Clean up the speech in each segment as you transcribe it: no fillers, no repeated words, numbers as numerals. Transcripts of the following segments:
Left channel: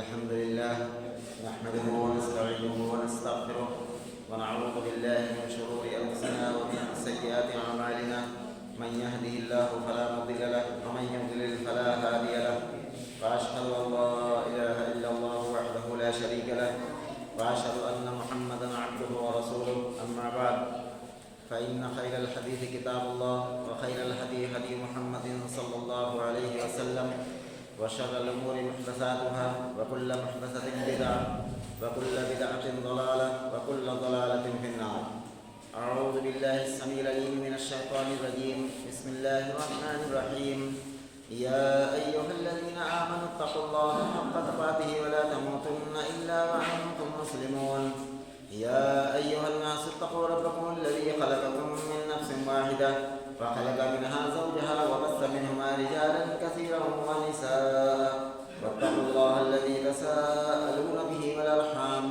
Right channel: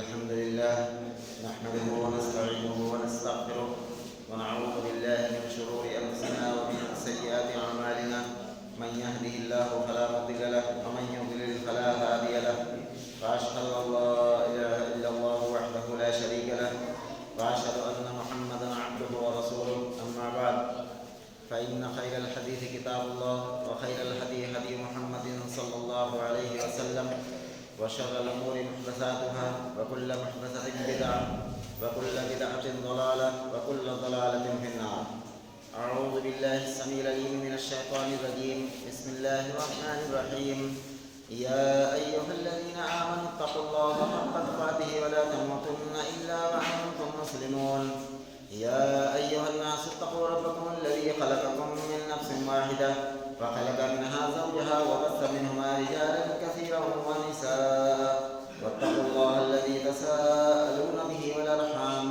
الحمد لله نحمده ونستعينه ونستغفره ونعوذ بالله من شرور أنفسنا ومن سيئات أعمالنا. من يهده الله فلا مضل له ومن يضلل فلا هادي له. وأشهد أن لا إله إلا الله وحده لا شريك له وأشهد أن محمدا عبده ورسوله. أما بعد، فإن خير الحديث كتاب الله وخير الهدي هدي محمد صلى الله عليه وسلم وشر الأمور محدثاتها وكل محدثة بدعة وكل بدعة ضلالة وكل ضلالة في النار. أعوذ بالله السميع العليم من الشيطان الرجيم. بسم الله الرحمن الرحيم. يا أيها الذين آمنوا اتقوا الله حق تقاته ولا تموتن إلا وأنتم مسلمون. يا أيها الناس اتقوا ربكم الذي خلقكم من نفس واحدة وخلق منها زوجها وبث منهما رجالا كثيرا ونساء واتقوا الله الذي تساءلون به والأرحام.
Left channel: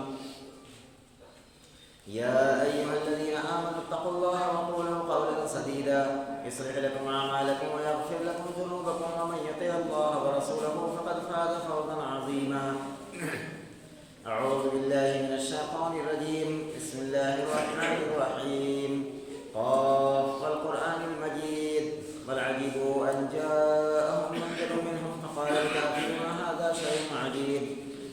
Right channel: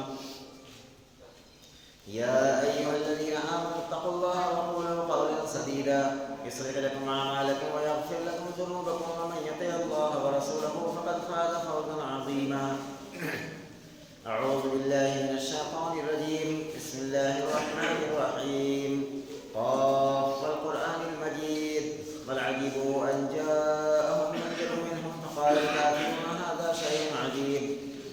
يا أيها الذين آمنوا اتقوا الله وقولوا قولا سديدا يصلح لكم أعمالكم ويغفر لكم ذنوبكم ومن يطع الله ورسوله فقد فاز فوزا عظيما. أعوذ بالله من الشيطان الرجيم. بسم الله الرحمن الرحيم. قاف والقرآن المجيد. بل عجبوا أن جاءهم منذر منهم فقال الكافرون هذا شيء عجيب.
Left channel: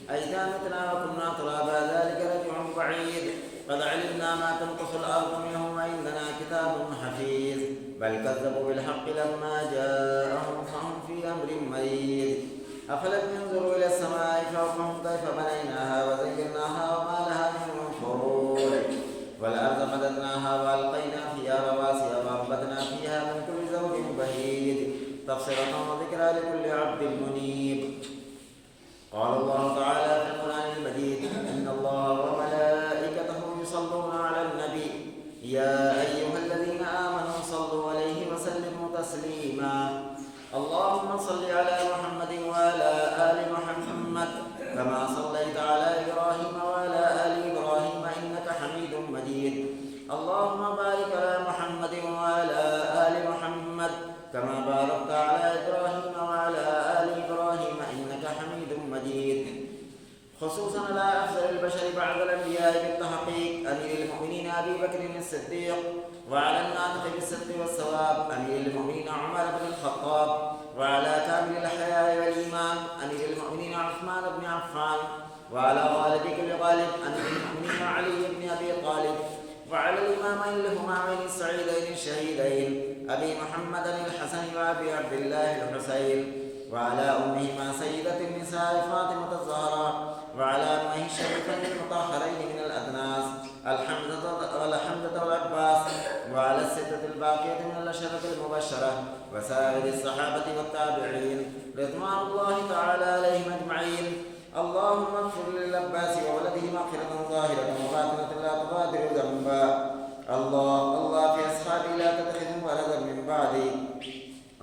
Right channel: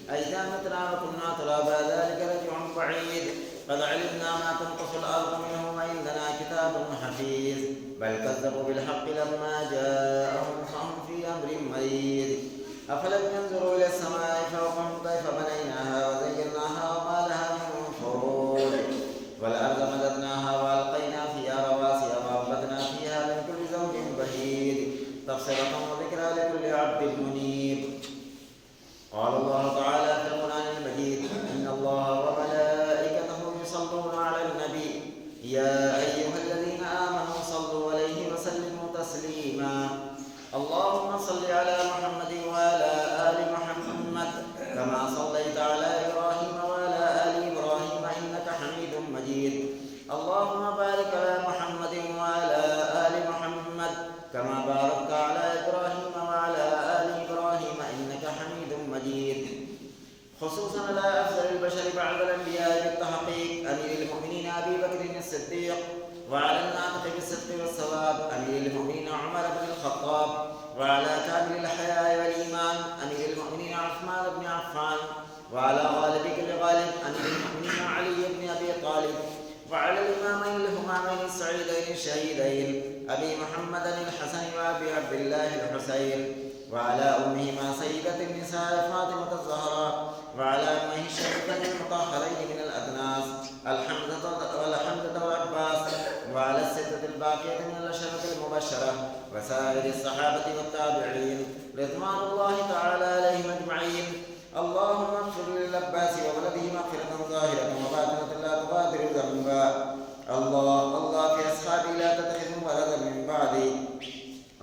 أئذا متنا وكنا ترابا ذلك رجع بعيد. قد علمنا ما تنقص الأرض منهم وعندنا كتاب حفيظ. بل كذبوا بالحق لما جاءهم فهم في أمر مريض. أفلم ينظروا إلى السماء فوقهم كيف بنيناها وزيناها وما لها من فروج. والأرض مددناها وألقينا فيها رواسي وأنبتنا فيها من كل زوج بهيج تبصرة وذكرى لكل عبد منيب. قال الله تعالى في القرآن المجيد: إن الله وملائكته يصلون على النبي يا أيها الذين آمنوا صلوا عليه وسلموا تسليما. اللهم صل على محمد وعلى آل محمد كما صليت على إبراهيم وعلى آل إبراهيم إنك حميد مجيد. اللهم بارك على محمد وعلى آل محمد كما باركت على إبراهيم وعلى آل إبراهيم إنك حميد مجيد. خصوصا على أفضل البشر بعد الأنبياء بالتحقيق أمير المؤمنين أبي بكر الصديق، وعلى الناطق بالصدق والصواب أمير المؤمنين عمر بن الخطاب، وعلى كامل الحياء والإيمان أمير المؤمنين عثمان بن عفان، وعلى غالب كل غالب أمير المؤمنين علي بن أبي طالب، وعلى الإمامين الهمامين السعيدين الشهيدين أبي محمد الحسن وأبي عبد الله الحسين، وعلى أمهما سيدة النساء فاطمة الزهراء، وعلى أمه الشريفين المطهرين من الأدناس الحمزة والعباس، وعلى الستة الباقية من الأشرة المبشرة وسائر الصحابة والتابعين رضوان الله تعالى عليهم أجمعين. اللهم اغفر للعباس وولده مغفرة ظاهرة وباطنة لا تغادر ذنبا. الله في أصحابي لا تتخذوا ولدا من بعدي،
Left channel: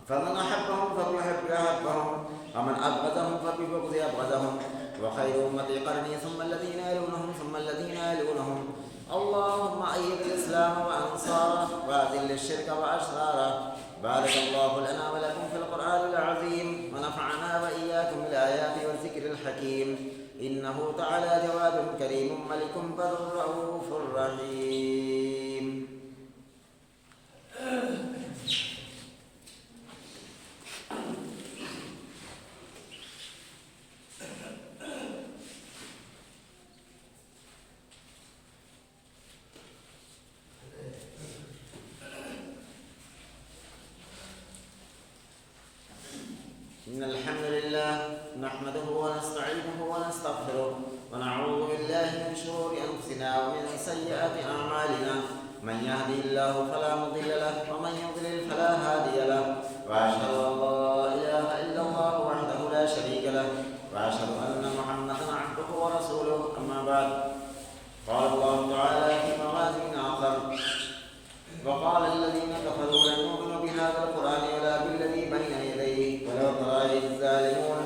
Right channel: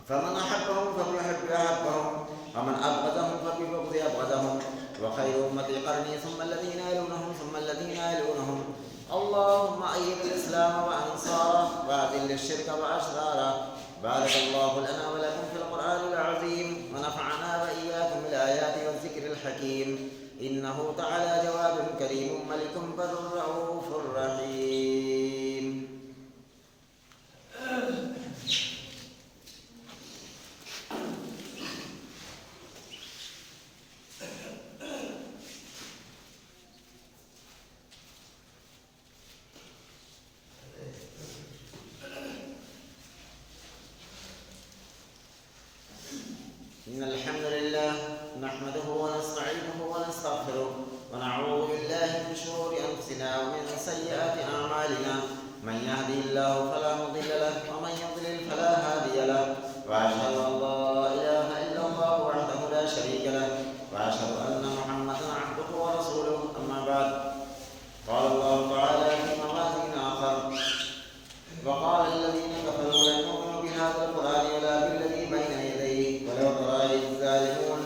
فمن أحبهم فبيحب أحبهم ومن أبغضهم فببغض أبغضهم. وخير أمتي قرني ثم الذين يلونهم ثم الذين يلونهم. اللهم أيد الإسلام وأنصاره وأذل الشرك وأشراره. بارك الله لنا ولكم في القرآن العظيم ونفعنا وإياكم بالآيات والذكر الحكيم. إنه تعالى جواد كريم ملك بر رؤوف رحيم. إن الحمد لله نحمده ونستعينه ونستغفره ونعوذ بالله من شرور أنفسنا ومن سيئات أعمالنا. من يهده الله فلا مضل له ومن يضلل فلا هادي له. وأشهد أن لا إله إلا الله وحده لا شريك له وأشهد أن محمدا عبده ورسوله. أما بعد، قال الله تعالى في موازين آخر: وقال الذين كفروا لن نؤمن بهذا القرآن ولا بالذي بين يديه ولو ترى إذ الظالمون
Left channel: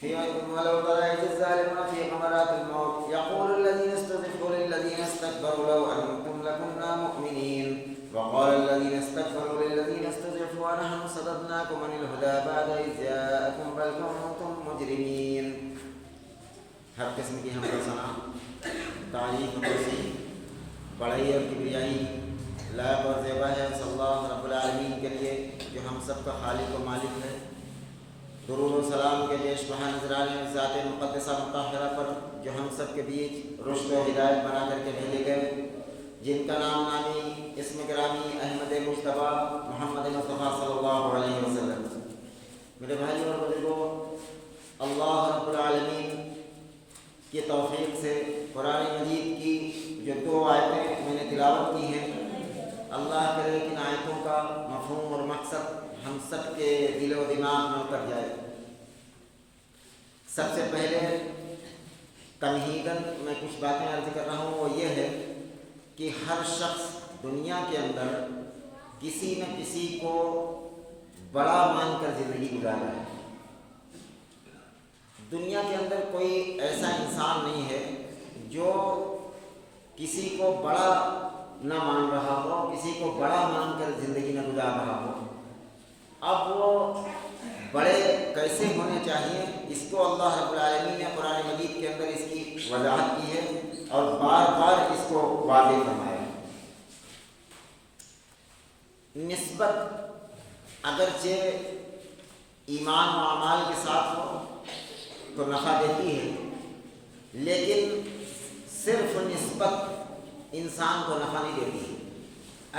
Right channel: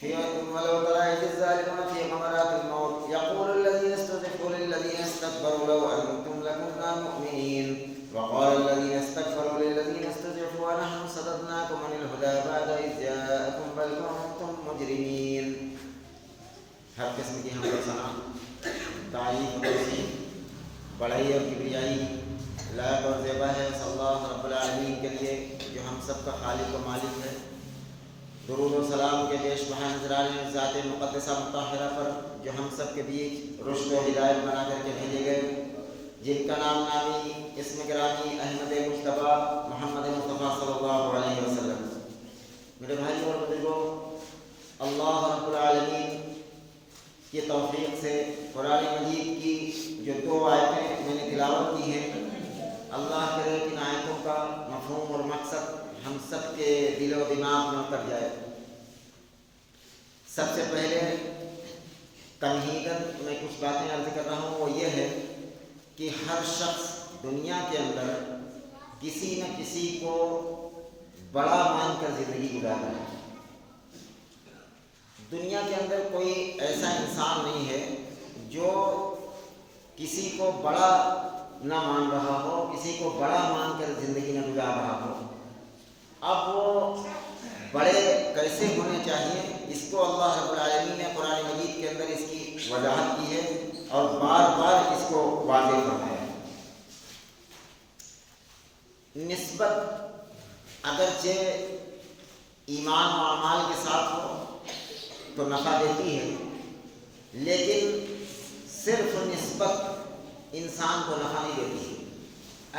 في غمرات الموت يقول الذين استضعفوا للذين استكبروا لو أنتم لكنا مؤمنين. وقال الذين استكبروا للذين استضعفوا ونحن صددناكم عن الهدى بعد إذ جاءكم بل كنتم مجرمين. ہر قسم کی حمد و ثنا، تعریف و توصیف، بڑائی اور کبریائی لائق اور زیبا ہے صلی اللہ رب العالمین کے لیے جو ہم سب کا خالق و مالک ہے. درود و سلام کے بیش بہا نذرانے ذات مقدسہ مطہرہ پر جو ہم سب کے بیچ رشد و ہدایت بنا کر کے بھیجے گئے، جن کا نام نامی اسم گرامی احمد مصطفیٰ محمد مصطفیٰ صلی اللہ علیہ وسلم. میرے بھائی اور بزرگوں، اللہ رب العالمین کی توفیق سے قرآن مجید کی جو 2 آیتیں میں نے تلاوت کی ہیں، اللہ کرے کہ ان آیتوں کا مفہوم اور مقصد ہم سب کے دل و دماغ میں اتر جائے. سب سے پہلے تمہیداً میں کچھ باتیں عرض کر رہا ہوں، وہ یہ ہے کہ ہر شخص دنیا کے اندر کسی نہ کسی کو بڑا مان کر زندگی گزار رہا ہے. دنیا کے اندر کوئی ایسا انسان نہیں ہے جو کسی کو بڑا نہ مان رہا ہو، کسی کو بڑا مان کر زندگی نہ گزار رہا ہو. اب وہ بڑے کیسے ہونے چاہیے، اس کو اللہ رب العالمین نے قرآن مجید کے اندر اس کی وضاحت کی ہے اور بار بار اس کو واضح فرمایا ہے. نسبت اگرچہ ایمان و اعمال کے ساتھ ہو تو نفع دیتی ہے، لیکن صرف نسبت انسان کو نفع نہیں دیتی ہے.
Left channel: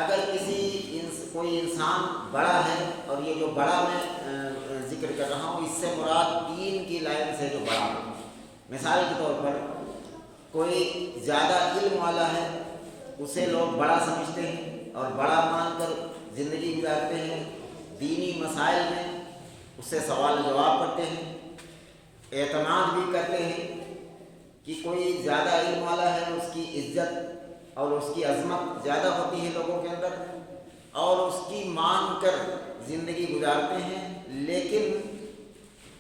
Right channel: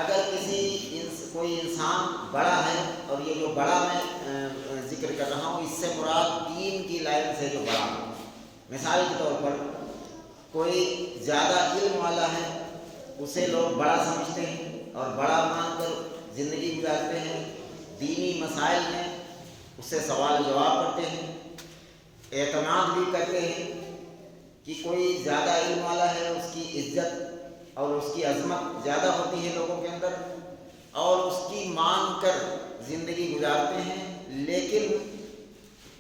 اگر کوئی انسان بڑا ہے، اور یہ جو بڑا میں ذکر کر رہا ہوں اس سے مراد دین کی لائن سے جو بڑا ہے. مثال کے طور پر کوئی زیادہ علم والا ہے، اسے لوگ بڑا سمجھتے ہیں اور بڑا مان کر زندگی گزارتے ہیں. دینی مسائل میں اس سے سوال و جواب کرتے ہیں، اعتماد بھی کرتے ہیں کہ کوئی زیادہ علم والا ہے، اس کی عزت اور اس کی عظمت زیادہ ہوتی ہے لوگوں کے اندر، اور اس کی مان کر زندگی گزارتے ہیں. لیکن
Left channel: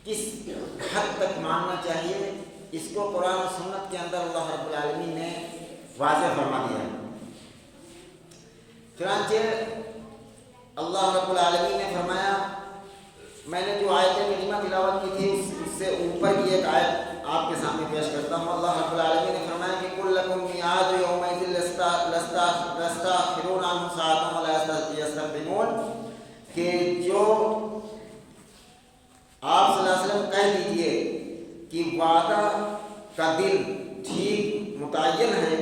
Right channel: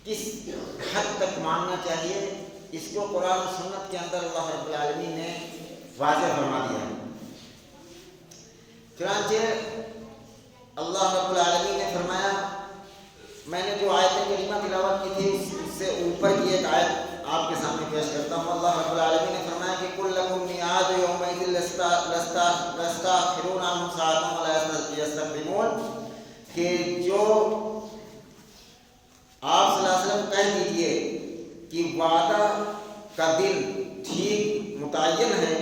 کس حد تک ماننا چاہیے، اس کو قرآن و سنت کے اندر اللہ رب العالمین نے واضح فرما دیا ہے. چنانچہ اللہ رب العالمین نے فرمایا، میں نے جو آیت کریمہ تلاوت کی تھی اس سے اوپر کی ایک آیت آپ کے سامنے پیش کرتا ہوں. اللہ رب العالمین نے فرمایا کہ کل لکم میعاد یومئذ لستأخرون عنہ ساعۃ ولا یستقدمون، کہ جو آپ صلی اللہ علیہ وسلم کہہ دیجئے کہ وعدہ کا دن ٹھیک متعین ہے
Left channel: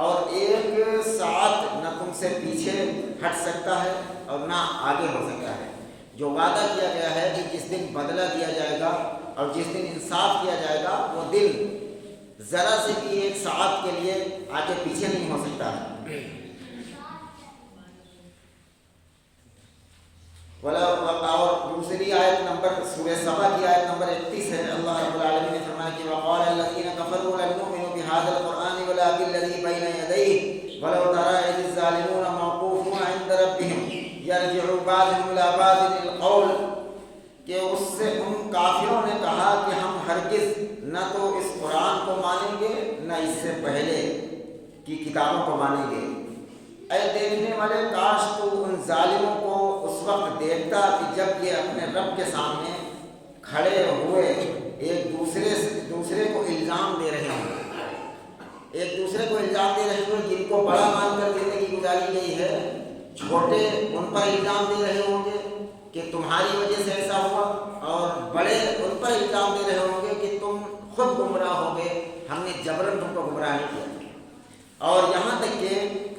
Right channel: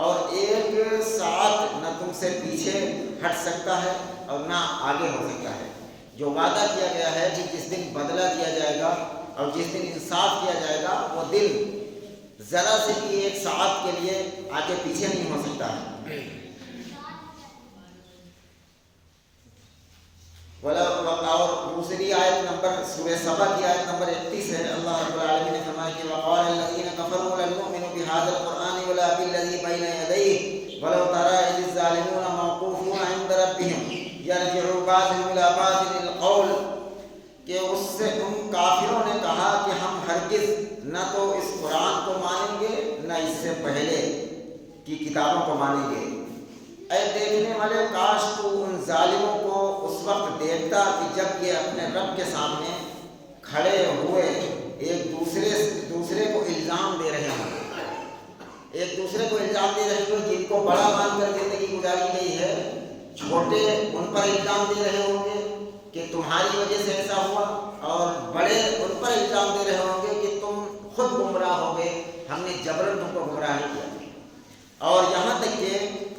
اور 1 ساعت نہ تم سے پیچھے ہٹ سکتا ہے اور نہ آگے ہو سکتا ہے. جو وعدہ کیا گیا ہے کہ جس دن بدلہ دیا جائے گا اور جس دن انصاف کیا جائے گا، وہ دن ذرا سے بھی 1 ساعت کے لیے آگے پیچھے نہیں ہو سکتا ہے. اور دوسری آیت نمبر سورہ سبا کی آیت نمبر 31 ہے. اللہ رب العالمین نے فرمایا کہ وقال الذین کفروا لن نؤمن بهذا القرآن ولا بالذی بین یدیہ ولو تری اذ الظالمون موقوفون عند ربهم یرجع بعضهم الی بعض القول، کہ اس سے ان کافروں نے کہا کہ ہم ہرگز نہ تو اس قرآن کو مانیں گے نہ اس سے پہلے کی کتابوں کو مانیں گے. اے دیکھنے والے، کاش تو ان ظالموں کو اس وقت دیکھتا کہ جب یہ اپنے رب کے سامنے کھڑے ہوئے ایک دوسرے کو الزام دے رہے ہوں، ایک دوسرے کو الزام دے رہے ہوں. جن کو بڑا مان کر زندگی گزاری گئی ہے، چھوٹے ان پر الزام دے رہے ہوں گے کہ تمہاری وجہ سے ایسا ہوا، اور بڑے ان پر الزام دے رہے ہوں گے کہ تم خود گمراہ ہو گئے، ہم نے جبراً تم کو گمراہ نہیں کیا. اور یہاں تک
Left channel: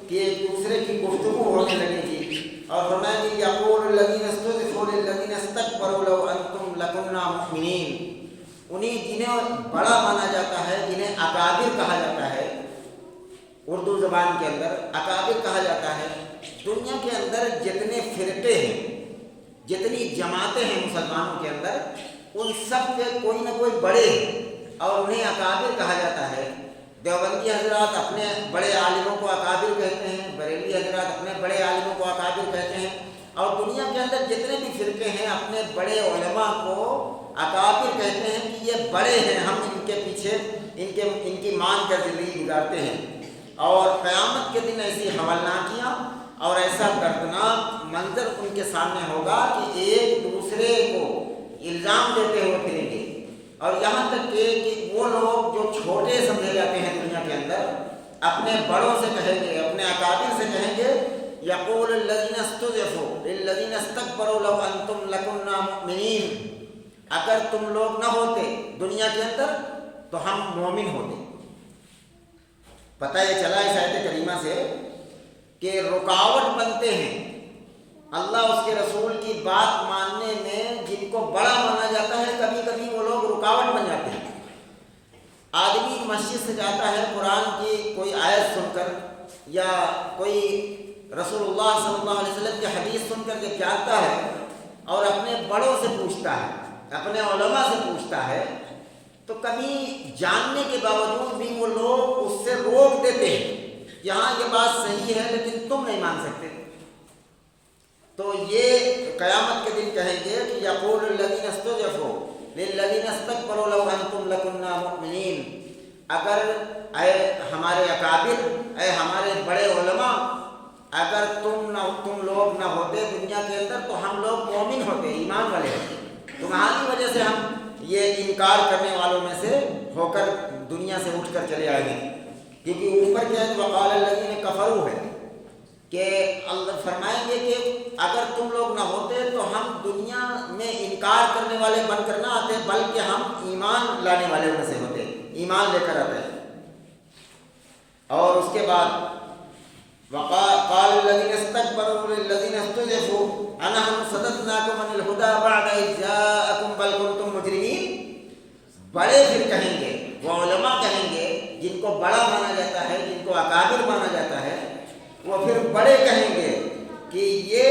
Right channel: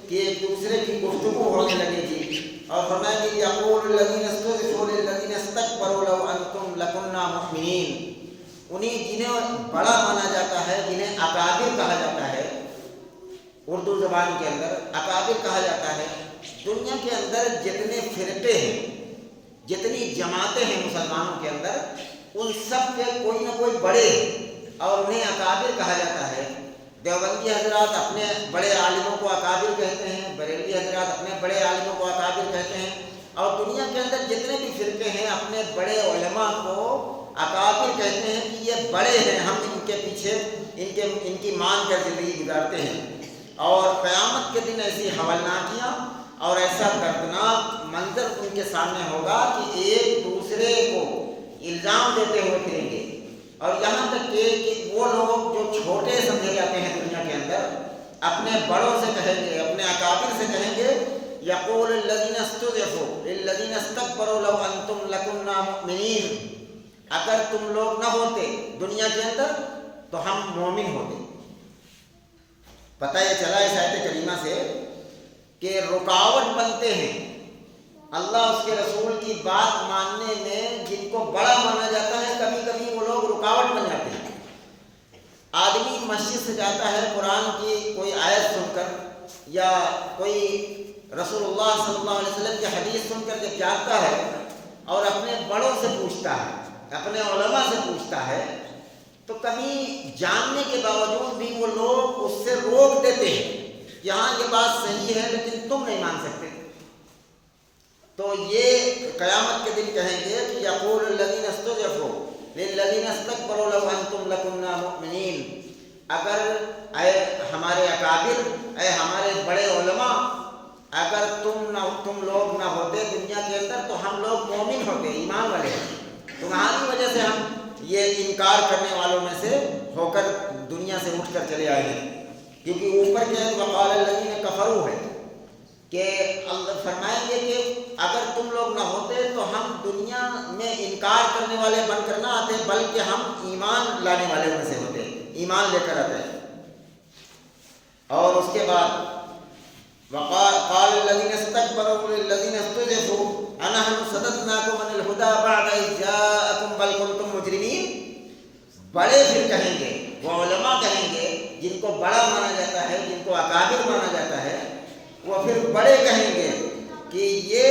کہ ایک دوسرے کی گفتگو ہونے لگے گی. اور فرمایا کہ یقول الذین استضعفوا للذین استکبروا لو انتم لکنا مؤمنین، انہیں جنہیں بڑا مانا جاتا ہے، جنہیں اکابر کہا جاتا ہے، اردو زبان کے اندر اکابر کہا جاتا ہے. دنیا کے اندر جتنے فرقے ہیں، جتنی جماعتیں ہیں مسلمانوں کے اندر، ان سب کے کوئی نہ کوئی بڑے ہیں اور انہیں اکابر کہا جاتا ہے. دیوبندی حضرات اپنے بڑے عالموں کو اکابر کہتے ہیں، بریلوی حضرات اپنے بڑے عالموں کو اکابر کہتے ہیں، اور دنیا کے اندر جتنے بھی فرقے ہیں اپنے بڑے علماء کو اکابر کہتے ہیں کہ یہ بڑے ہیں، ہم ان کے پیچھے ان کی مان کر زندگی گزارتے ہیں. اور قیامت کے دن ایسی حولناکیاں اور ایسا دردناک منظر ان کے سامنے ہوگا کہ ایک دوسرے کو الزام دیتے ہوئے پھریں گے، اور یہاں تک کہ وہ لوگ جو چھوٹے سمجھے جاتے ہیں دنیا کے اندر، اپنے بڑوں سے کہیں گے، اپنے اکابر سے کہیں گے، یقول الذین استضعفوا للذین استکبروا لو انتم لکنا مؤمنین، اگر تم لوگ نہ ہوتے دنیا کے اندر تو ہم مومن ہوتے۔ پتہ یہ چلا اس آیت کریمہ سے کہ رکاوٹ بنتے ہیں اللہ اس کے رسول کی بات ماننے میں، جن کو بڑا مانا جاتا ہے، کبھی کبھی وہ لوگ رکاوٹ بن جاتے ہیں۔ آدمی مسجد سے جاتا ہے قرآن کی کوئی آیت سن کر یا کوئی رسول اللہ صلی اللہ علیہ وسلم کی حدیث سن کر جب جاتا ہے اور اپنے بڑوں سے پوچھتا ہے، اپنے علماء سے پوچھتا ہے، تو کبھی جاننے کے باوجود بھی وہ لوگ اس سے روک دیتے ہیں کہ ہاں یہ بات صحیح ہے لیکن تم نہیں مان سکتے۔ تو یہ قیامت کے دن کہیں گے کہ یقول الذین استضعفوا للذین استکبروا لو انتم لکنا مؤمنین، اگر اے ہمارے اکابر، اے ہمارے بڑے علماء، اگر تم لوگ نہ ہوتے دنیا کے اندر تو ہم لوگ مومن ہوتے، ایمان والے ہوتے، تمہاری وجہ سے ہم یہ انکار کرنے والوں میں سے ہو کر دنیا سے اٹھ کر چلے آئے ہیں۔ کیونکہ اوپر کیا ہے، وقال الذین کفروا ہے کہ اللہ فرمائیں گے کہ اگر تم لوگ نہ ہوتے تو ہم دنیا میں انکار کرنے والے بن کر نہ آتے، بلکہ ہم ایمان لانے والے میں سے ہوتے، ایمان لے کر آتے۔ اور اس کے بعد قال الذين استكبروا للذين استضعفوا أنحن صددناكم عن الهدى بعد إذ جاءكم بل كنتم مجرمين، بڑے پھر کہیں گے، وہ علماء کہیں گے جن کو بڑا مانا جاتا ہے، جن کو اکابر مانا جاتا ہے، وہ پھر بڑے کہیں گے کہ یہ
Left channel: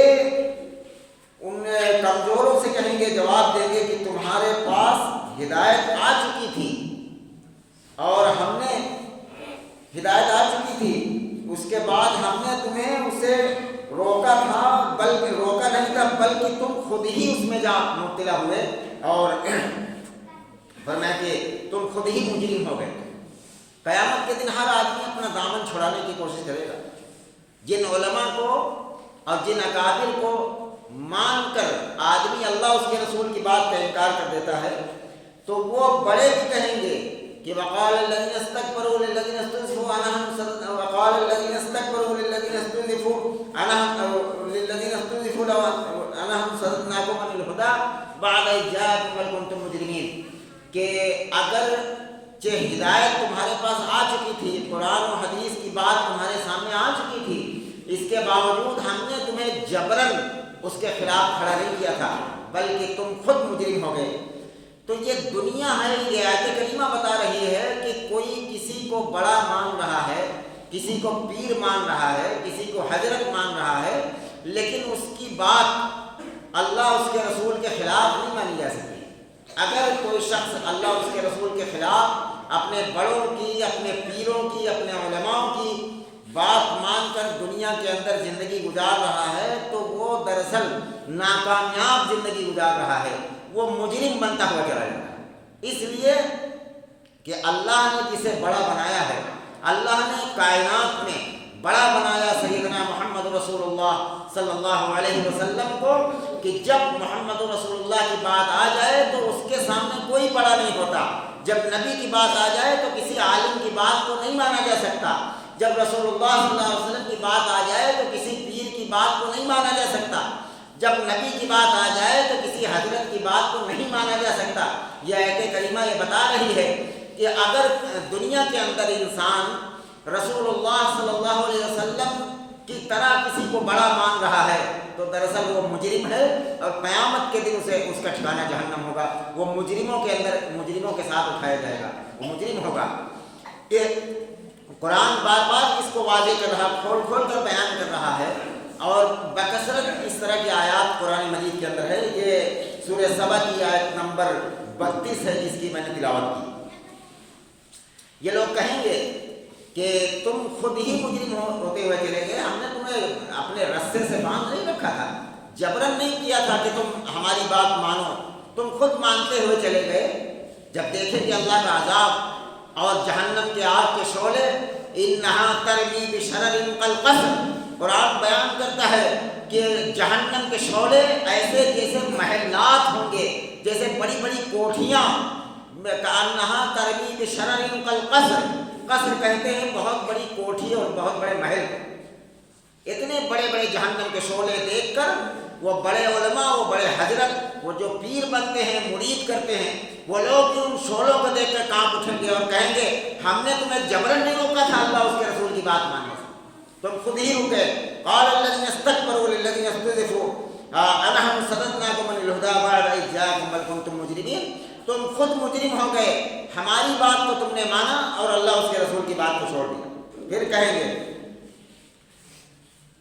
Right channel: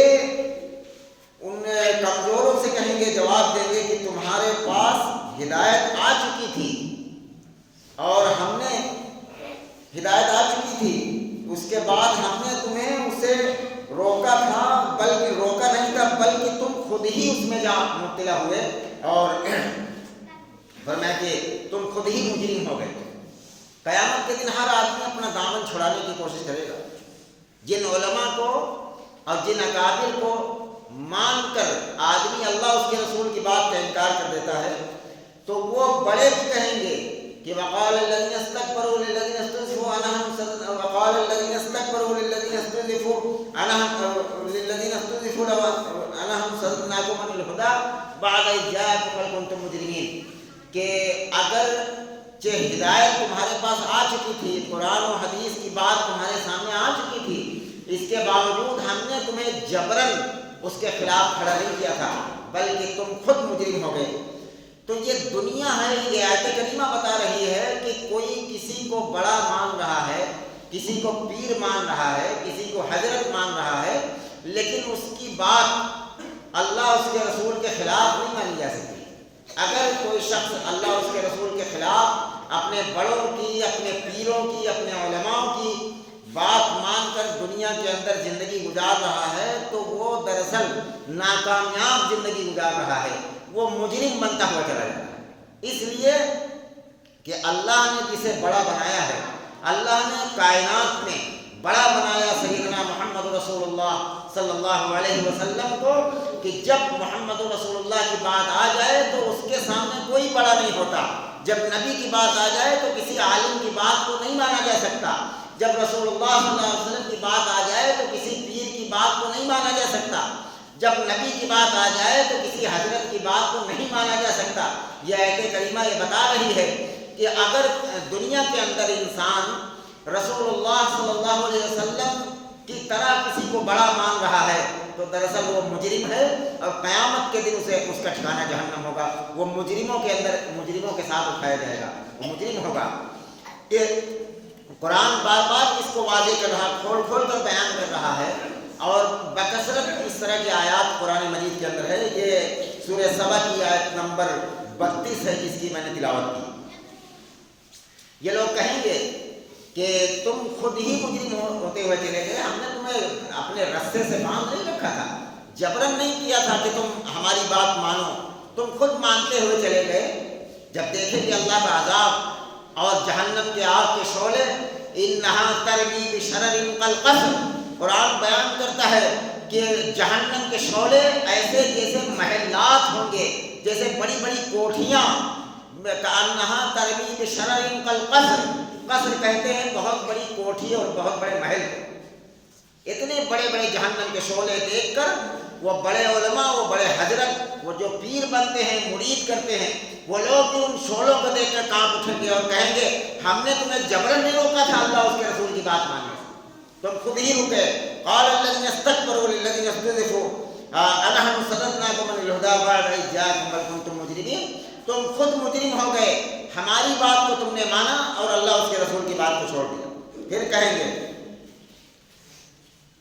ان کمزوروں سے کہیں گے، جواب دیں گے کہ تمہارے پاس ہدایت آ چکی تھی اور ہم نے ہدایت آ چکی تھی، اس کے بعد ہم نے تمہیں اسے روکا تھا، بلکہ روکا نہیں تھا بلکہ تم خود ہی اس میں جا مبتلا ہوئے، اور فرمایا کہ تم خود ہی مجرم ہو گئے۔ قیامت کے دن ہر آدمی اپنا دامن چھڑانے کی کوشش کرے گا۔ جن علماء کو اور جن اکابر کو مان کر آدمی اللہ اس کے رسول کی بات کا انکار کر دیتا ہے، تو وہ بڑے بھی کہیں گے کہ وقال الذين استكبروا للذين استضعفوا وقال الذين استكبروا للذين استضعفوا للذين استضعفوا لو انهم صددناكم عن الهدى بعد إذ جاءكم بل كنتم مجرمين، کہ اگر ہدایت تمہارے پاس آ چکی تھی، قرآن و حدیث کی بات تمہارے سامنے آ چکی تھی، اس کے باوجود ہم نے تمہیں جبراً اس کے خلاف کھڑا نہیں کیا تھا بلکہ تم خود مجرم ہو گئے۔ تو یہ دنیا ہے، یہ آیت کریمہ بتا رہی ہے کہ کوئی کسی کو بڑا مان رہا ہے، کسی کو پیر مان رہا ہے، کسی کو حضرت مان رہا ہے، لیکن اس کی بات اللہ اس کے رسول کے خلاف نہیں مانی جا سکتی۔ اگر کوئی شخص اللہ اس کے رسول کے خلاف اپنے بڑوں کی، اپنے پیروں کی، اپنے علماء کی بات مان کر دنیا کے اندر زندگی گزار رہا ہے تو وہ دراصل ناکامیاب زندگی گزار رہا ہے، وہ مجرم بنتا ہوا چلا جاتا ہے۔ اس لیے کہ اللہ نے جسے بڑا بنایا ہے، اللہ نے کائنات میں بڑا بنایا سیدنا محمد رسول اللہ صلی اللہ علیہ وسلم کو، کہ جب محمد رسول اللہ کی بات آ جائے تو اس کے سامنے کوئی بڑا نہیں ہوتا۔ جب نبی کی بات آ جائے تو کسی عالم کی بات کو نہیں مانا جا سکتا۔ جب رسول اللہ صلی اللہ علیہ وسلم کی بات آ جائے تو کسی پیر کی بات کو نہیں مانا جا سکتا۔ جب نبی کی بات آ جائے تو کسی حضرت کی بات کو نہیں مانا جا سکتا۔ یہ آیت کریمہ یہ بتا رہی ہے کہ اگر دنیا کے اندر انسان رسول اللہ صلی اللہ علیہ وسلم کی طرح کسی کو بڑا مان رہا ہے تو دراصل وہ مجرم ہے، اور قیامت کے دن اسے اس کا ٹھکانہ جہنم ہوگا۔ وہ مجرموں کے اندر مجرموں کے ساتھ اٹھایا جائے گا، وہ مجرم ہوگا۔ کہ قرآن بار بار اس کو واضح کر رہا، کھول کھول کر بیان کر رہا ہے، اور بکثرت اس طرح کی آیات قرآن مجید کے اندر ہے۔ یہ سورہ سبا کی آیت نمبر 32 ہے جس کی میں نے تلاوت کی۔ یہ لوگ کہیں گے کہ تم خود ہی مجرم ہوتے ہوئے چلے گئے، ہم نے تمہیں اپنے رسے سے باندھ نہیں رکھا تھا، جبرن نہیں کیا تھا کہ تم ہماری بات مانو، تم خود مانتے ہوئے چلے گئے۔ جب دیکھیں گے اللہ کا عذاب اور جہنم کے آگ کے شعلے، انہا ترمی بشرر کالقصر، قرآن بیان کرتا ہے کہ جہنم کے شعلے ایسے جیسے محلات ہوں گے، جیسے بڑی بڑی کوٹھیاں، کأنہا ترمی بشرر کالقصر، قصر کہتے ہیں بہت بڑی کوٹھی اور بہت بڑے محل، اتنے بڑے بڑے جہنم کے شعلے دیکھ کر وہ بڑے علماء، وہ بڑے حضرت، وہ جو پیر بنتے ہیں، مرید کرتے ہیں، وہ لوگ بھی ان شعلوں کو دیکھ کر کانپ اٹھیں گے اور کہیں گے ہم نے تمہیں جبرن نہیں روکا تھا اللہ اس کے رسول کی بات ماننے سے، تم خود ہی رکے۔ قال الذين استكبروا للذين استضعفوا أنحن صددناكم عن الهدى بعد إذ جاءكم بل كنتم مجرمين، تم خود مجرم ہو گئے، ہماری بات کو تم نے مانا اور اللہ اس کے رسول کی بات کو چھوڑ دیا۔ پھر کہیں گے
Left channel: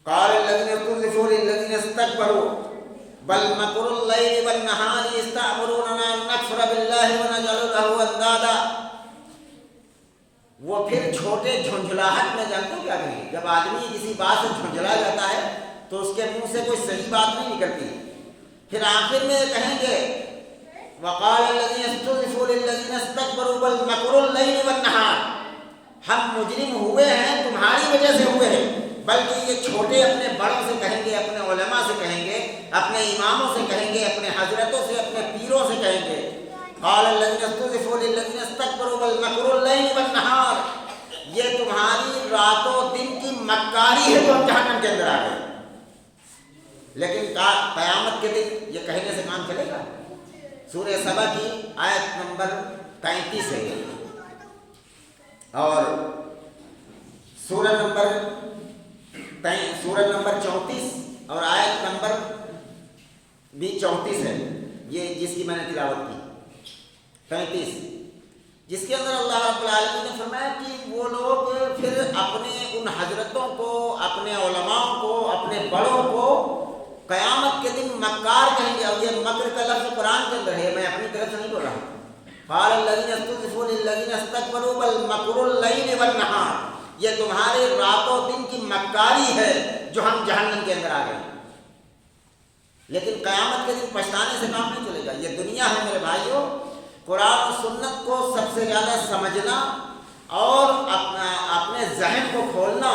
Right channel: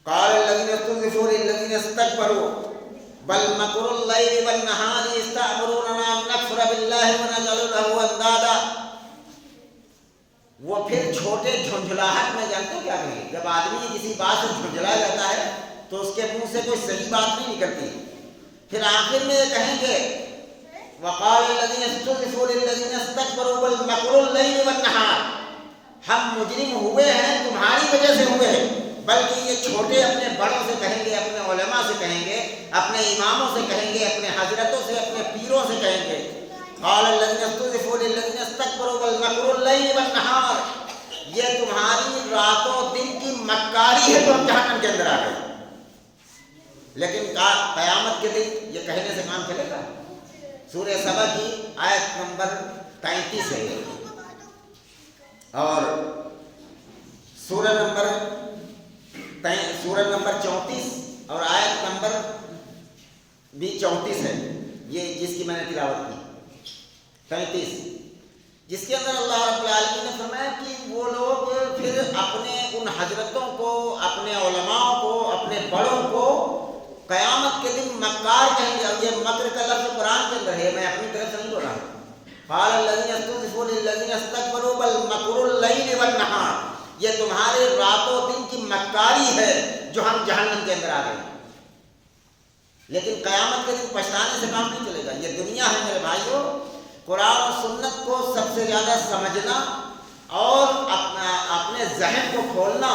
قال الذين استضعفوا للذين استكبروا بل مكر الليل والنهار إذ تأمروننا أن نكفر بالله ونجعل له أندادا، وہ پھر چھوٹے جھنجھلاہٹ میں جانتے ہو کیا کہیں گے؟ جب آدمی کسی بات سے جھنجھلا جاتا ہے تو اس کے منہ سے کوئی صحیح بات نہیں نکلتی، پھر آخر میں یہ کہیں گے وقال الذين استضعفوا للذين استكبروا بل مكر الليل والنهار، ہم مجرم ہوئے ہیں تمہاری وجہ سے ہوئے ہیں، بلکہ یہ چھوٹے اپنے بڑوں سے کہیں گے، اپنے علماء سے کہیں گے، اپنے اماموں سے کہیں گے، اپنے حضرتوں سے، اپنے پیروں سے کہیں گے قال الذين استضعفوا للذين استكبروا بل مكر الليل والنهار، یہ تمہاری رات و دن کی مکاری ہے جو ہم جہنم کے اندر آ گئے۔ لیکن قیامت کے دن یہ کہنے سے کام چلے گا؟ سورہ سبا کی آیت نمبر 33 ہے اور سورہ نمبر 34 اور آیت نمبر بھی 34 ہے، یہ جس کی میں نے تلاوت کی 33، جس کے اندر اللہ رب العالمین نے فرمایا کہ وہ لوگ پھر اپنے ان حضرتوں کو، اپنے علماء کو، اپنے بڑوں کو قیامت کے دن مکار کہیں گے، اور یہ مکر کا لفظ قرآن کے اندر ہے، میں اپنی طرف سے نہیں بول رہا ہوں۔ قال الذين استضعفوا للذين استكبروا بل مكر الليل والنهار، یہ تمہارے رات و دن کی مکاری ہے جو ہم جہنم کے اندر آ گئے۔ لیکن قیامت کے دن پچھتانے سے کام نہیں چلے گا، یہ دنیا ہے میرے بھائیوں، قرآن و سنت کو سب سے زیادہ سمجھنا اور اپنے ذہن کو کھولنا،